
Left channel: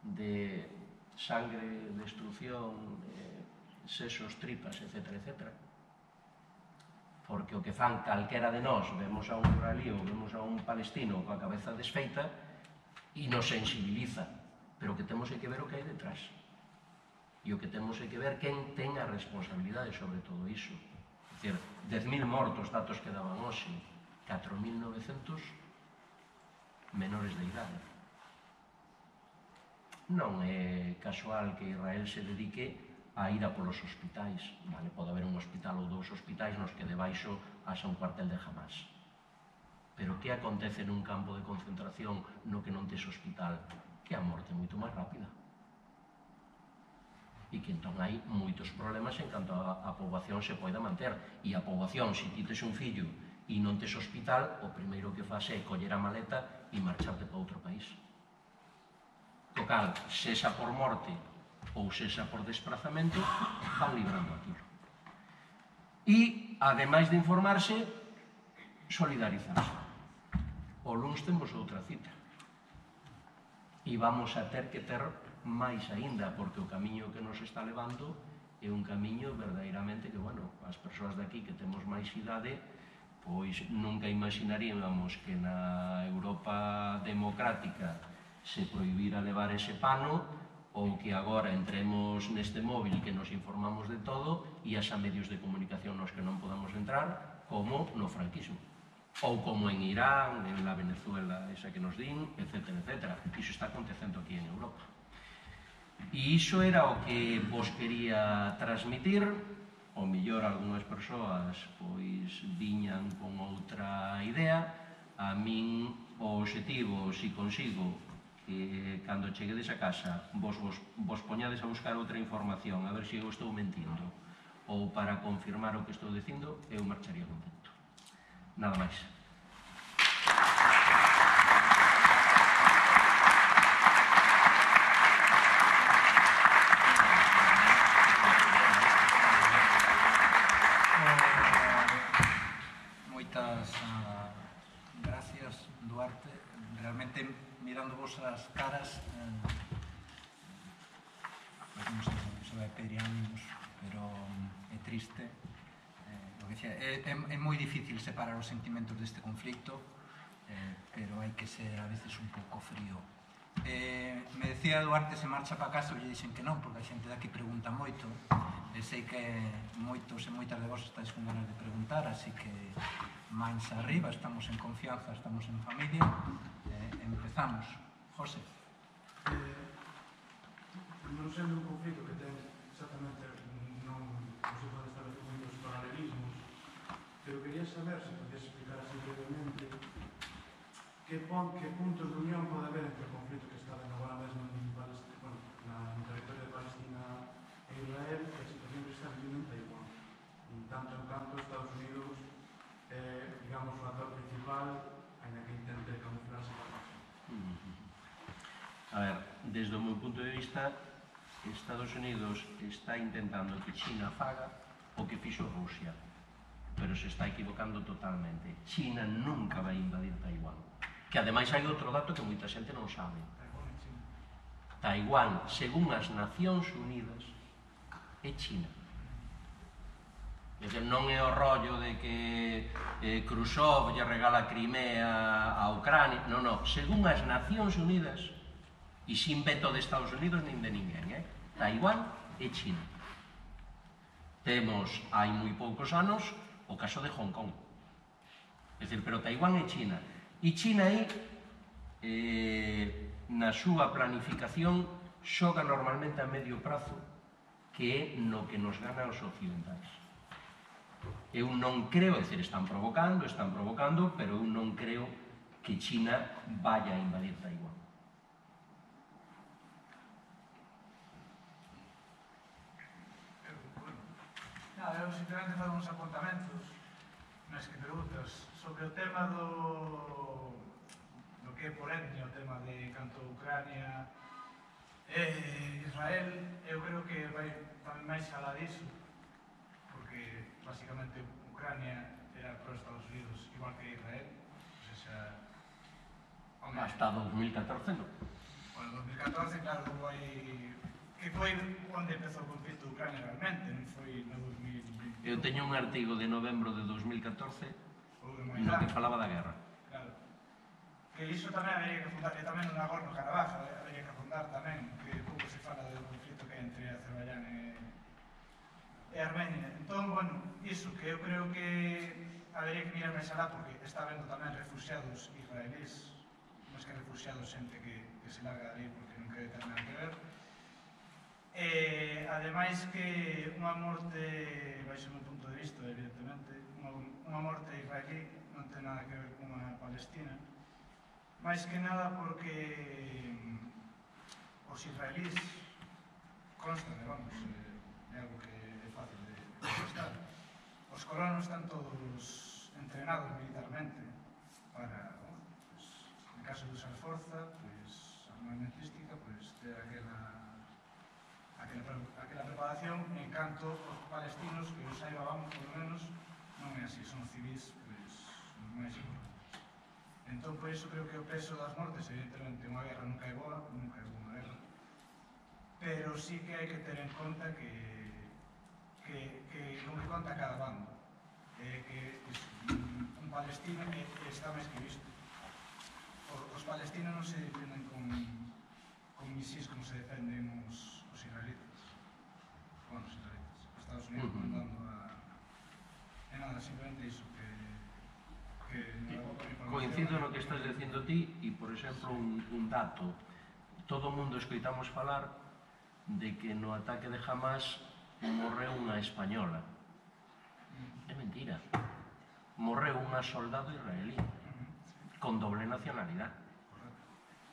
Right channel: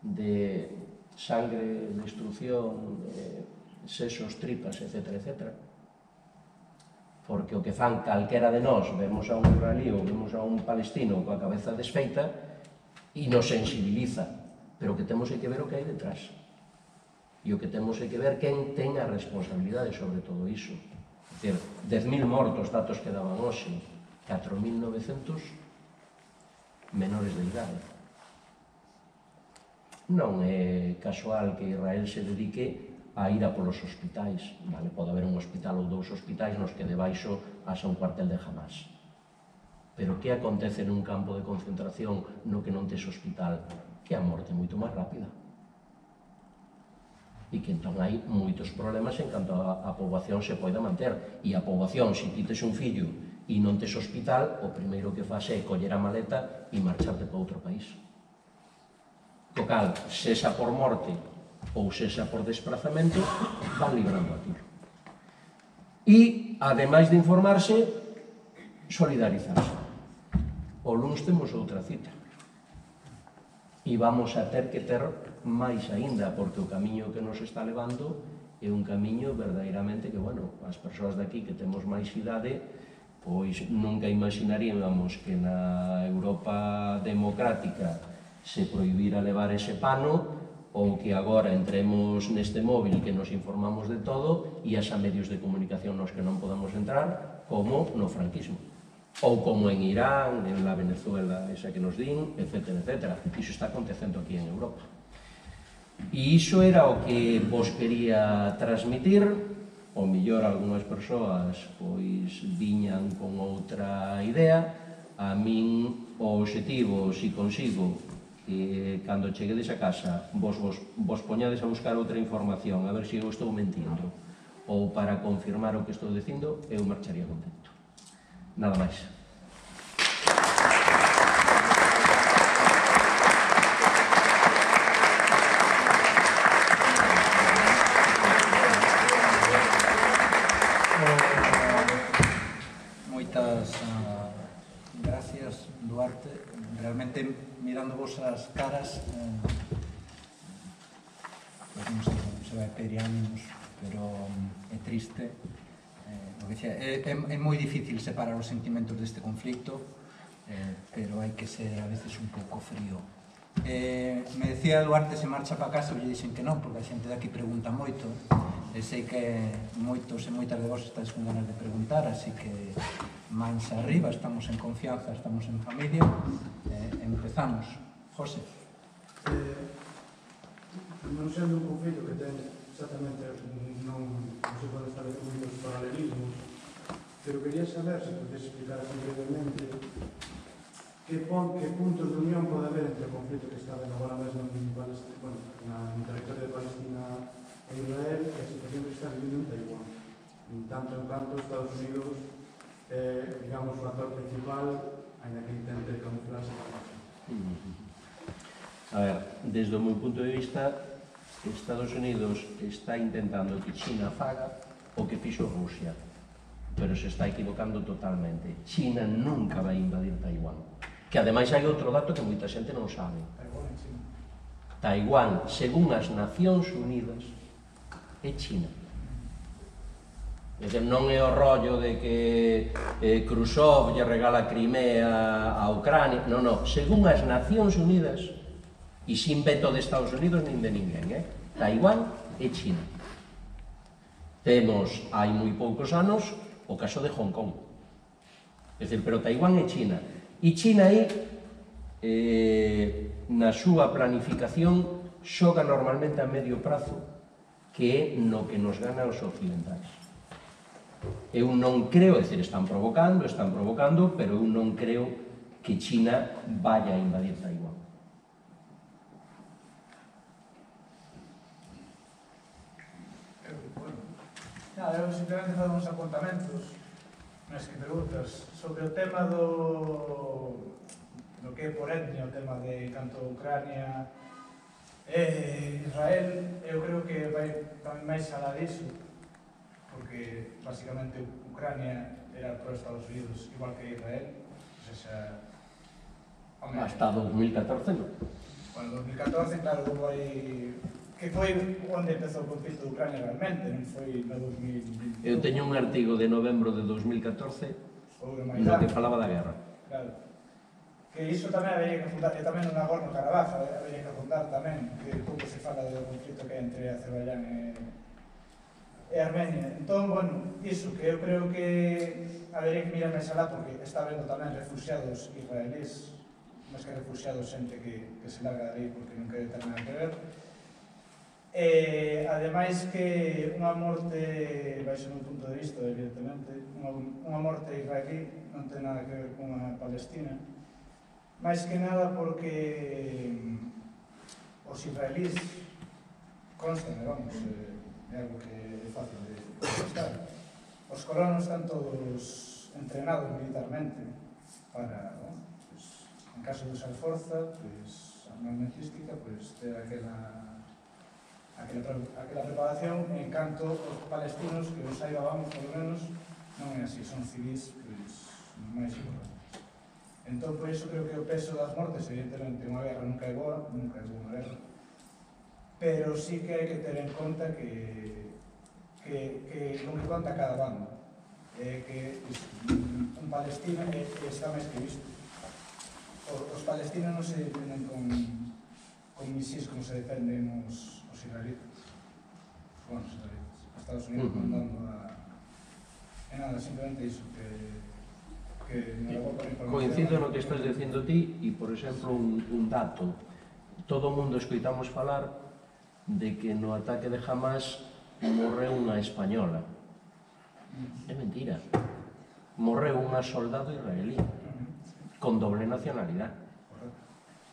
de sangre, destrucción, sesos, tripas, etc. Porque o que fan calquera de nós, vemos a un israelí ou vemos a un palestino coa cabeza desfeita e nos sensibiliza. pero o que temos é que ver o que hai detrás. E o que temos é que ver quen ten a responsabilidade sobre todo iso. É dicir, 10.000 mortos, datos que daban hoxe, 4.900 menores de idade. Non é casual que Israel se dedique a ir a polos hospitais. Vale, pode haber un hospital ou dous hospitais nos que debaixo haxa un cuartel de Hamas. Pero que acontece nun campo de concentración no que non tes hospital? Que a morte é moito máis rápida. E que entón hai moitos problemas en canto a poboación se poida manter. E a poboación, se ti tes un fillo e non tes hospital, o primeiro que faz é coller a maleta e marcharte para outro país. Co cal, sexa por morte ou sexa por desprazamento, van librando aquilo. E, ademais de informarse, solidarizarse. O luns temos outra cita. E vamos a ter que ter máis aínda, porque o camiño que nos está levando é un camiño verdadeiramente que, bueno, as persoas de aquí que temos máis idade, pois nunca imaginaríamos que na Europa democrática se prohibira levar ese pano, ou que agora entremos neste móvil que nos informamos de todo e haxa medios de comunicación nos que non podamos entrar, como no franquismo. Ou como en Irán, en la Venezuela esa que nos din, etcétera, etcétera. Iso está acontecendo aquí en Europa. E iso era o que vos quería transmitir. O mellor algunhas persoas pois viñan con outra idea. A min o obxectivo, se consigo, que cando cheguedes a casa vos poñades a buscar outra información, a ver se eu estou mentindo, ou para confirmar o que estou dicindo, eu marcharía contento. Nada máis. Moitas gracias, Duarte. Realmente, mirando vos as caras, pues non sei como se vai pedir ánimos, pero é triste. É moi difícil separar os sentimentos deste conflicto, pero hai que ser a veces un pouco frío. Me decía Duarte se marcha para casa, e lle dixen que non, porque a xente de aquí pregunta moito, e sei que moitos e moitas de vos estáis con ganas de preguntar, así que mans arriba, estamos en confianza, estamos en familia. Empezamos. José. Non sendo un conflito que ten exactamente, non se pode establecer muitos paralelismos, pero quería saber, se podes explicar así brevemente, que puntos de unión pode haber entre o conflito que está agora mesmo no territorio de Palestina e Israel e a situación que está vivindo en Taiwán. Tanto en canto Estados Unidos digamos, o actor principal, ainda que intente camuflarse. A ver, desde o meu punto de vista, Estados Unidos está intentando que China faga o que fixo Rusia, pero se está equivocando totalmente. China nunca vai invadir Taiwán. Que ademais hai outro dato que moita xente non sabe. Taiwán, según as Nacións Unidas, é China. Non é o rollo de que Khrushchev lle regala Crimea a Ucrania, non, según as Nacións Unidas, e sin veto de Estados Unidos nin de ninguén, Taiwán é China. Temos, hai moi poucos anos, o caso de Hong Kong. É dicir, pero Taiwán é China. E China aí, na súa planificación, xoga normalmente a medio prazo, que é no que nos gana os occidentais. Eu non creo, é dicir, están provocando, pero eu non creo que China vaya a invadir Taiwán. Nada, eu simplemente fago uns apontamentos nas que preguntas sobre o tema do que é por etnia, o tema de canto Ucrania e Israel. Eu creo que vai tamén máis alá disso, porque basicamente Ucrania era pro Estados Unidos igual que Israel, ou seja, hasta 2014 non. Bueno, 2014, claro, hai que foi onde empezou o conflito de Ucrania realmente, non foi no 2021. Eu teño un artigo de novembro de 2014 no que falaba da guerra. Claro. que iso tamén habería que fundar, e tamén no Nagorno-Karabaj habería que fundar tamén, que pouco se fala do conflito que hai entre Azerbaiyán e Armenia. Entón, bueno, iso, que eu creo que habería que mirar máis alá, porque está vendo tamén refugiados israelíes, máis que refugiados xente que se larga de aí porque non quere ter nada que ver. Ademais que unha morte, baixo o meu punto de vista, evidentemente, unha morte israelí non ten nada que ver con unha palestina, máis que nada porque os israelís constan, vamos, é algo que é fácil de constar. Os colonos están todos entrenados militarmente para, bueno, pues, en caso de usar forza, pues, armamentística, pues, ter aquela preparación, en canto os palestinos, que os saiba, vamos, por lo menos, non é así, son civis, pues, normais e correctos. Entón, por iso creo que o peso das mortes, evidentemente, unha guerra nunca é boa unha guerra, pero sí que hai que ter en conta que non que conta cada bando, que un palestino está máis que visto. Os palestinos non se defenden con misís como se defenden os israelitas. Bueno, os israelitas. Estados Unidos mandando a... E nada, simplemente iso, que coincido no que estás dicindo ti e, por exemplo, un dato. Todo o mundo escoitamos falar de que no ataque de Hamas morreu unha española. É mentira. Morreu unha soldado israelí con doble nacionalidade.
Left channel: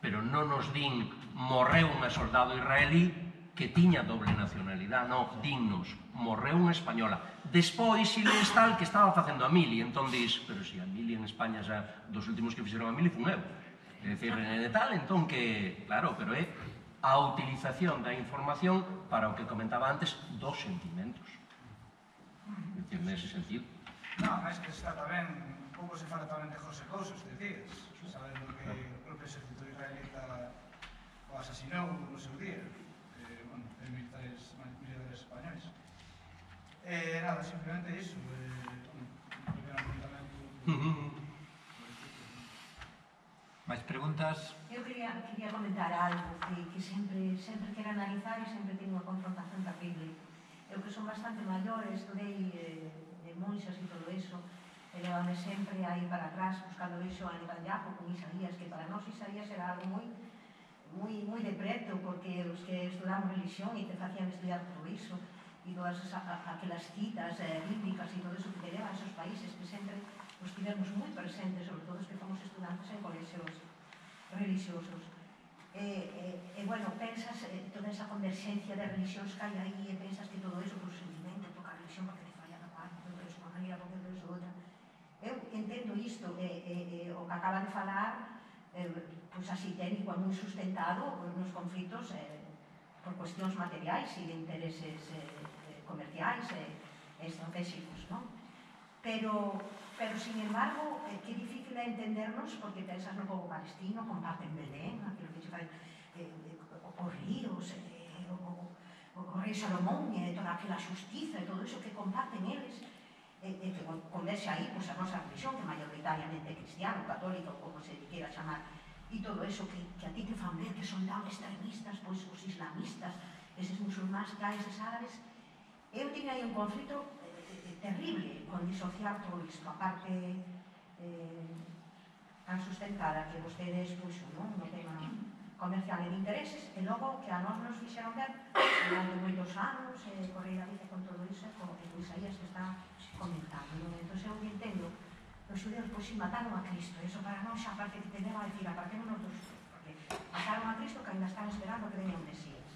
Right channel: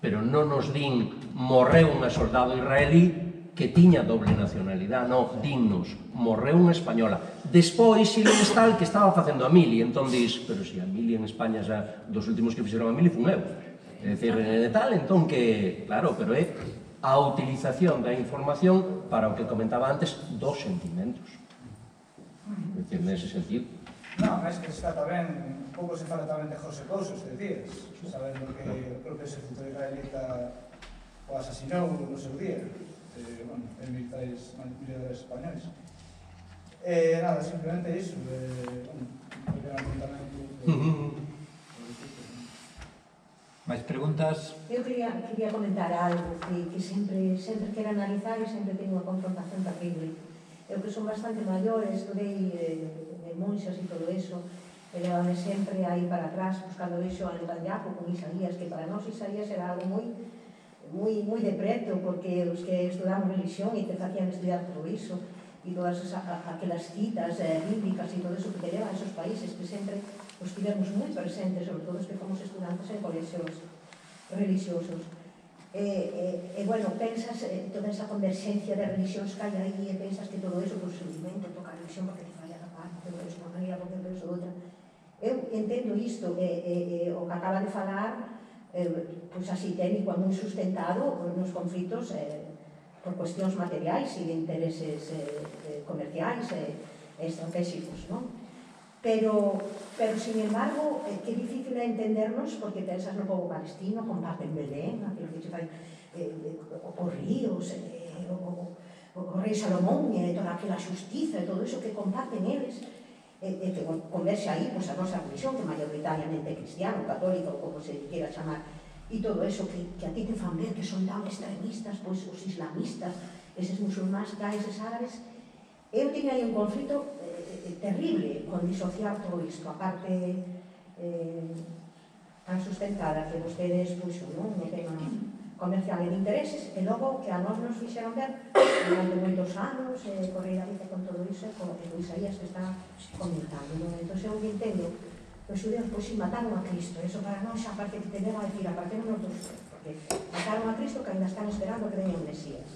Pero non nos din morreu unha soldado israelí que tiña doble nacionalidade, non, dinnos, morreu unha española. Despois, Siles tal que estaba facendo a mili, entón dis, pero si a mili en España xa dos últimos que fixeron a mili fun eu. É dicir, tal, entón que, claro, pero é a utilización da información para o que comentaba antes dos sentimentos. É dicir, nese sentido. Non, é que está tamén, un pouco se fala tamén de José Couso estes días, sabendo que o propio exército israelita o asasinou no seu día. Bueno, militares españois. Nada, simplemente iso. Porque era un apuntamento... Mais preguntas? Eu quería comentar algo que sempre quero analizar e sempre tengo unha confrontación terrible. Eu que son bastante maior, estudei de monxas e todo eso, e levame sempre aí para atrás buscando iso a Netanyahu con Isaías, que para nós Isaías era algo moi de preto, porque os que estudamos religión e te facían estudiar todo iso e todas aquelas citas bíblicas e todo eso que te levan a esos países que sempre os tivemos moi presentes, sobre todo os que fomos estudantes en colexios religiosos. Bueno, pensas toda esa converxencia de religións que hai aí e pensas que todo eso, pues, seguramente toca a religión porque te falla da parte, todo eso, unha maneira, porque todo eso outra. Eu entendo isto, o que acaba de falar, pois así técnico é moi sustentado nos conflitos por cuestións materiais e de intereses comerciais e estratégicos, non? Pero, sin embargo, que difícil é entendernos porque pensas no povo palestino, comparten Belén, aquilo que che fai os ríos, o rei Salomón e toda aquela xustiza e todo iso que comparten eles, e que converse aí a nosa religión, que maioritariamente é cristiano, católica ou como se quiera chamar, e todo eso que a ti te fan ver que son tan extremistas, pois os islamistas, eses musulmáns, eses árabes. Eu teño aí un conflito terrible con disociar todo isto, a parte tan sustentada que vostedes puxo no tema comercial e de intereses, e logo que a nós nos fixeron ver durante moitos anos, correr a vida con todo iso, como que Isaías que está comentando. Entón, eu entendo, os xudeus pois si mataron a Cristo, eso para nós xa parte que te leva a decir, apartémonos dos xudeus, porque mataron a Cristo que ainda están esperando que veña o Mesías.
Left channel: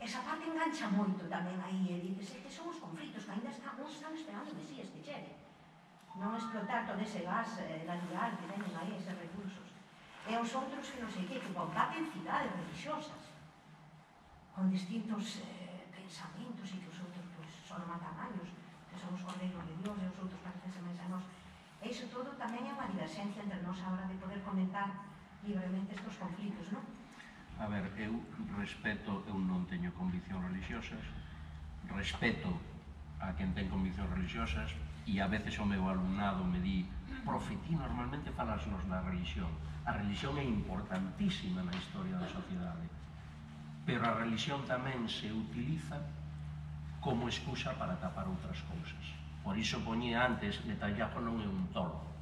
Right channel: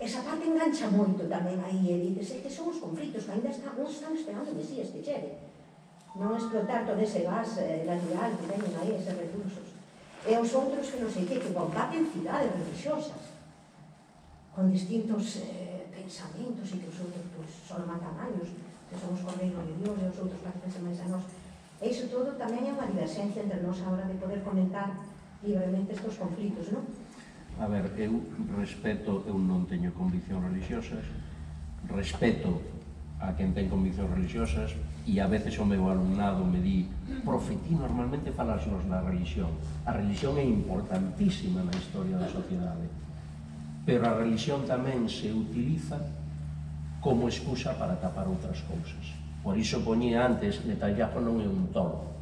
Esa parte engancha moito tamén aí, e dices, que son os conflitos, que ainda están esperando o Mesías que chegue. Non explotar todo ese gas natural que teñen aí, eses recursos. E os outros que non sei que combaten cidades religiosas, con distintos pensamentos, e que os outros son matanallos, que son os cordeiros de Dios, e os outros parecense máis a nós. E iso todo tamén é unha diversencia entre nós a hora de poder comentar libremente estes conflitos, non? A ver, eu respeto, eu non teño conviccións religiosas, respeto a quen ten conviccións religiosas, e a veces o meu alumnado me di: profe, ti normalmente falasnos da religión. A religión é importantísima na historia da sociedade, pero a religión tamén se utiliza como excusa para tapar outras cousas. Por iso poñía antes, Netanyahu non é un tolo,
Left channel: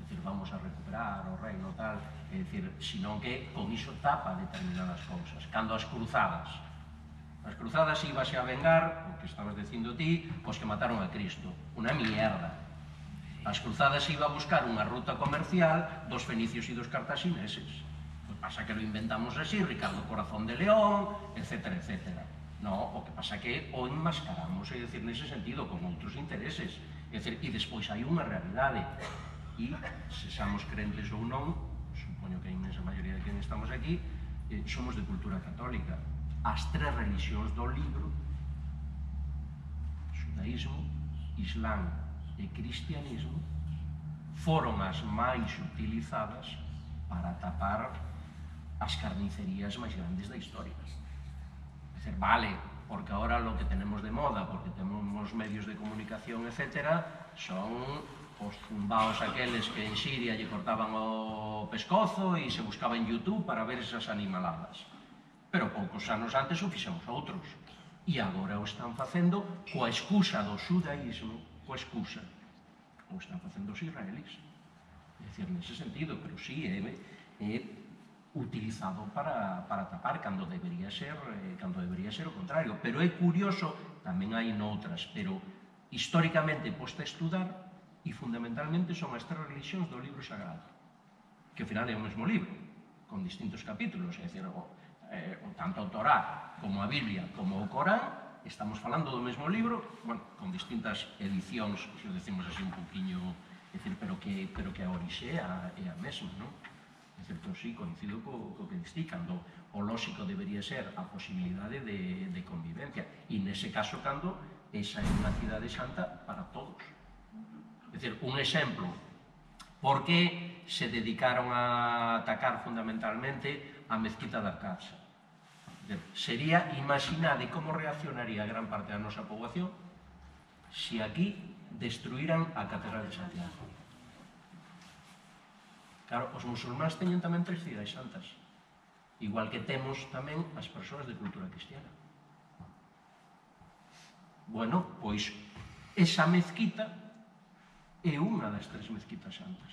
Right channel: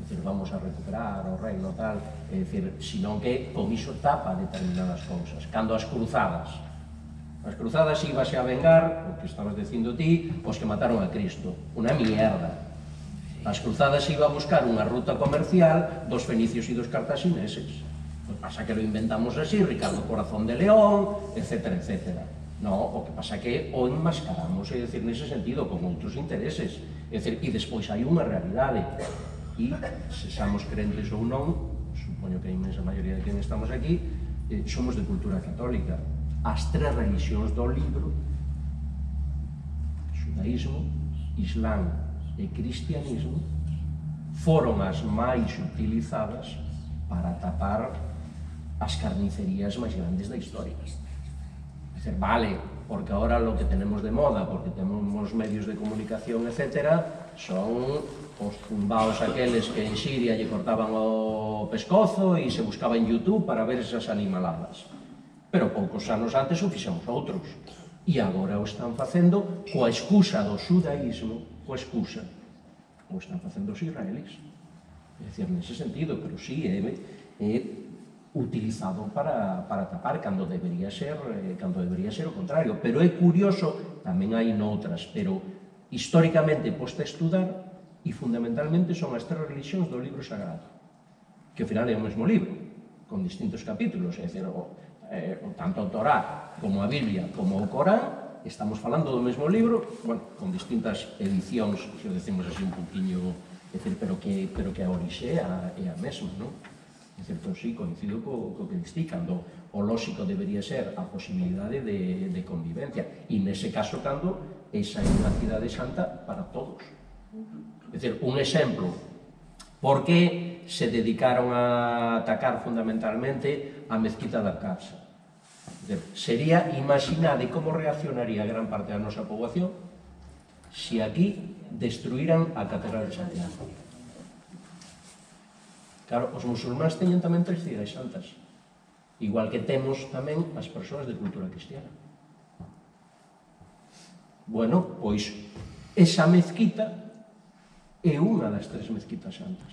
é dicir, vamos a recuperar o reino tal, é dicir, senón que con iso tapa determinadas cousas. Cando as cruzadas íbase a vengar, o que estabas dicindo ti, os que mataron a Cristo, unha mierda. As cruzadas iba a buscar unha ruta comercial dos fenicios e dos cartaxineses. O que pasa que lo inventamos así, Ricardo Corazón de León, etcétera, etcétera. No, o que pasa que o enmascaramos, é dicir, nese sentido, con outros intereses. É dicir, e despois hai unha realidade. E, se somos crentes ou non, supoño que a inmensa maioría de quen estamos aquí, somos de cultura católica. As tres religións do libro, xudaísmo, islán e cristianismo, foron as máis utilizadas para tapar as carnicerías máis grandes da historia. É dicir, vale, porque ahora lo que tenemos de moda, porque tenemos medios de comunicación, etcétera, son os zumbaos aqueles que en Siria lle cortaban o pescozo e se buscaba en YouTube para ver esas animaladas. Pero poucos anos antes o fixemos outros. E agora o están facendo coa excusa do xudaísmo, coa excusa. O están facendo os israelís. É dicir, nese sentido, pero sí, é utilizado para tapar cando debería ser o contrario. Pero é curioso, tamén hai noutras, pero históricamente posta a estudar, e fundamentalmente son as tres religións do libro sagrado, que ao final é o mesmo libro, con distintos capítulos, é dicir, tanto o Torá como a Biblia como o Corán, estamos falando do mesmo libro, bueno, con distintas edicións, se o decimos así un poquinho, é dicir, pero que a orixe é a mesma, non? É certo, sí, coincido co que distí, cando o lóxico debería ser a posibilidade de convivencia, e nese caso cando esa é unha cidade santa para todos. É dicir, un exemplo, por que se dedicaron a atacar fundamentalmente a mezquita da Casa? Sería imaginade como reaccionaría gran parte da nosa poboación se aquí destruíran a Catedral de Santiago. Claro, os musulmáns teñen tamén tres cidades santas, igual que temos tamén as persoas de cultura cristiana. Bueno, pois esa mezquita é unha das tres mezquitas santas.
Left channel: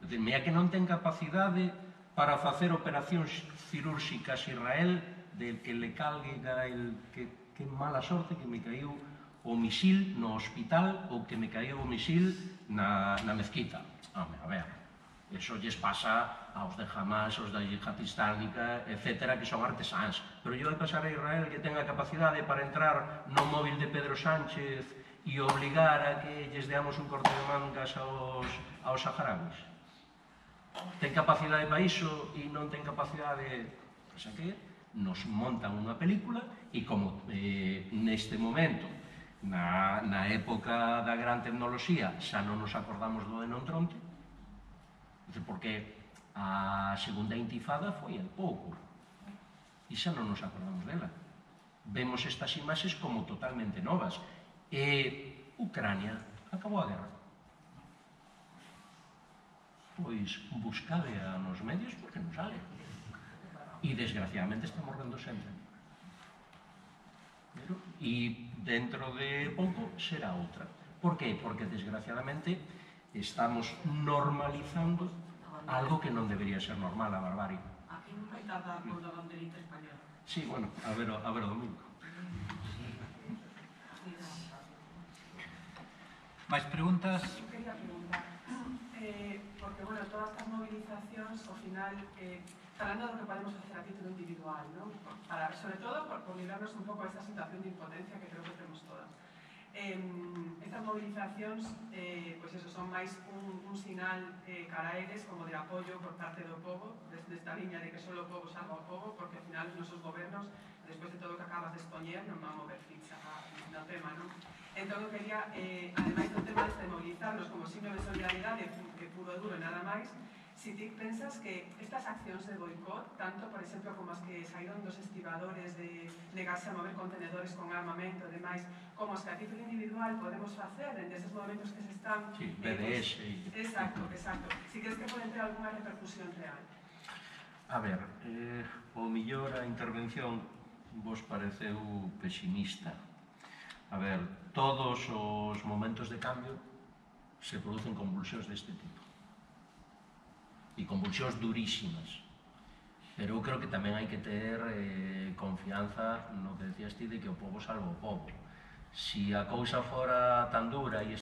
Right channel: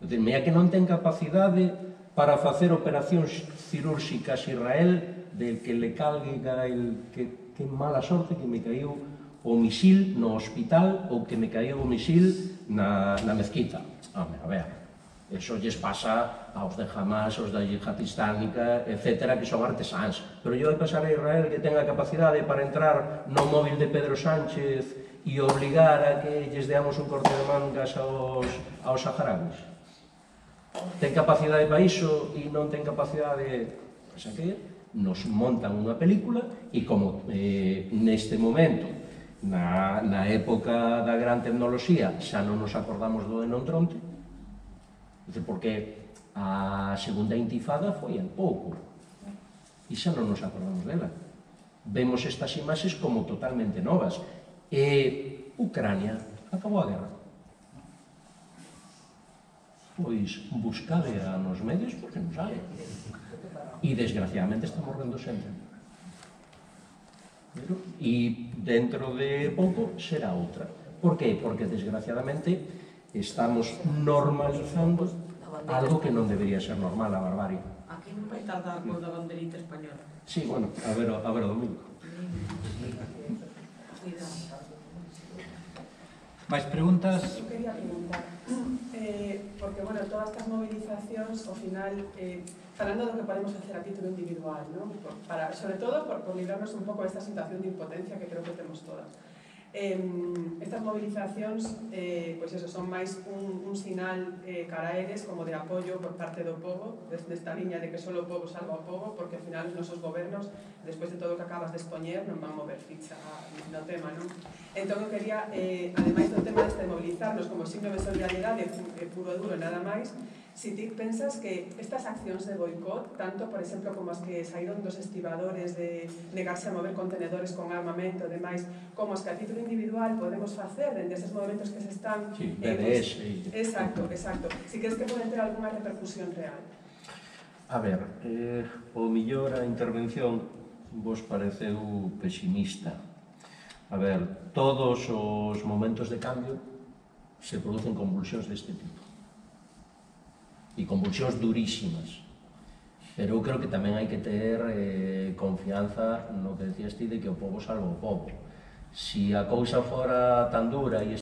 É dicir, mea que non ten capacidade para facer operacións cirúrxicas Israel del que le calga que mala sorte que me caiu o misil no hospital ou que me caiu o misil na mezquita. Home, a ver, eso lles pasa aos de Hamas, aos da Yihad Islámica, etcétera, que son artesáns. Pero yo de pasar a Israel que ten a capacidade para entrar no móvil de Pedro Sánchez e obligar a que lles deamos un corte de mangas aos saharauis. Ten capacidade para iso e non ten capacidade... O sea que nos montan unha película e como neste momento, na época da gran tecnoloxía, xa non nos acordamos do de Nontronte, porque a segunda intifada foi hai pouco e xa non nos acordamos dela. Vemos estas imaxes como totalmente novas. Ucrania acabou a guerra. Pois buscade nos medios porque non sale. E desgraciadamente está morrendo sempre. E dentro de pouco será outra. Por qué? Porque desgraciadamente estamos normalizando algo que non debería ser normal, a barbarie. Aquí non vai tardar con a banderita española. Sí, bueno, a ver o domingo. Máis preguntas? Eu quería preguntar, porque, bueno, todas estas movilizacións, ao final, falando do que podemos facer a título individual, ¿no? Sobre todo por librarnos un pouco desta situación de impotencia que creo que temos todas. Estas movilizacións, pois eso, son máis un sinal cara a eles como de apoio por parte do povo, desta liña de que só o povo salva o povo, porque ao final os nosos gobernos, despois de todo o que acabas de expoñer, non van mover ficha no tema, non? Entón, eu quería, ademais do tema de mobilizarnos como signo de solidariedade puro e duro, nada máis, si ti pensas que estas accións de boicot, tanto, por exemplo, como as que saíron dos estibadores de negarse a mover contenedores con armamento e demais, como as que a título individual podemos facer dende esos movimentos que se están... Sí, BDS. Exacto. Si crees que poden ter alguna repercusión real. A ver, o millor a intervención vos pareceu pesimista. A ver, todos os momentos de cambio se producen convulsións deste tipo. E convulsións durísimas. Pero eu creo que tamén hai que ter confianza no que decías ti de que o povo salva o povo. Si a cousa fora tan dura e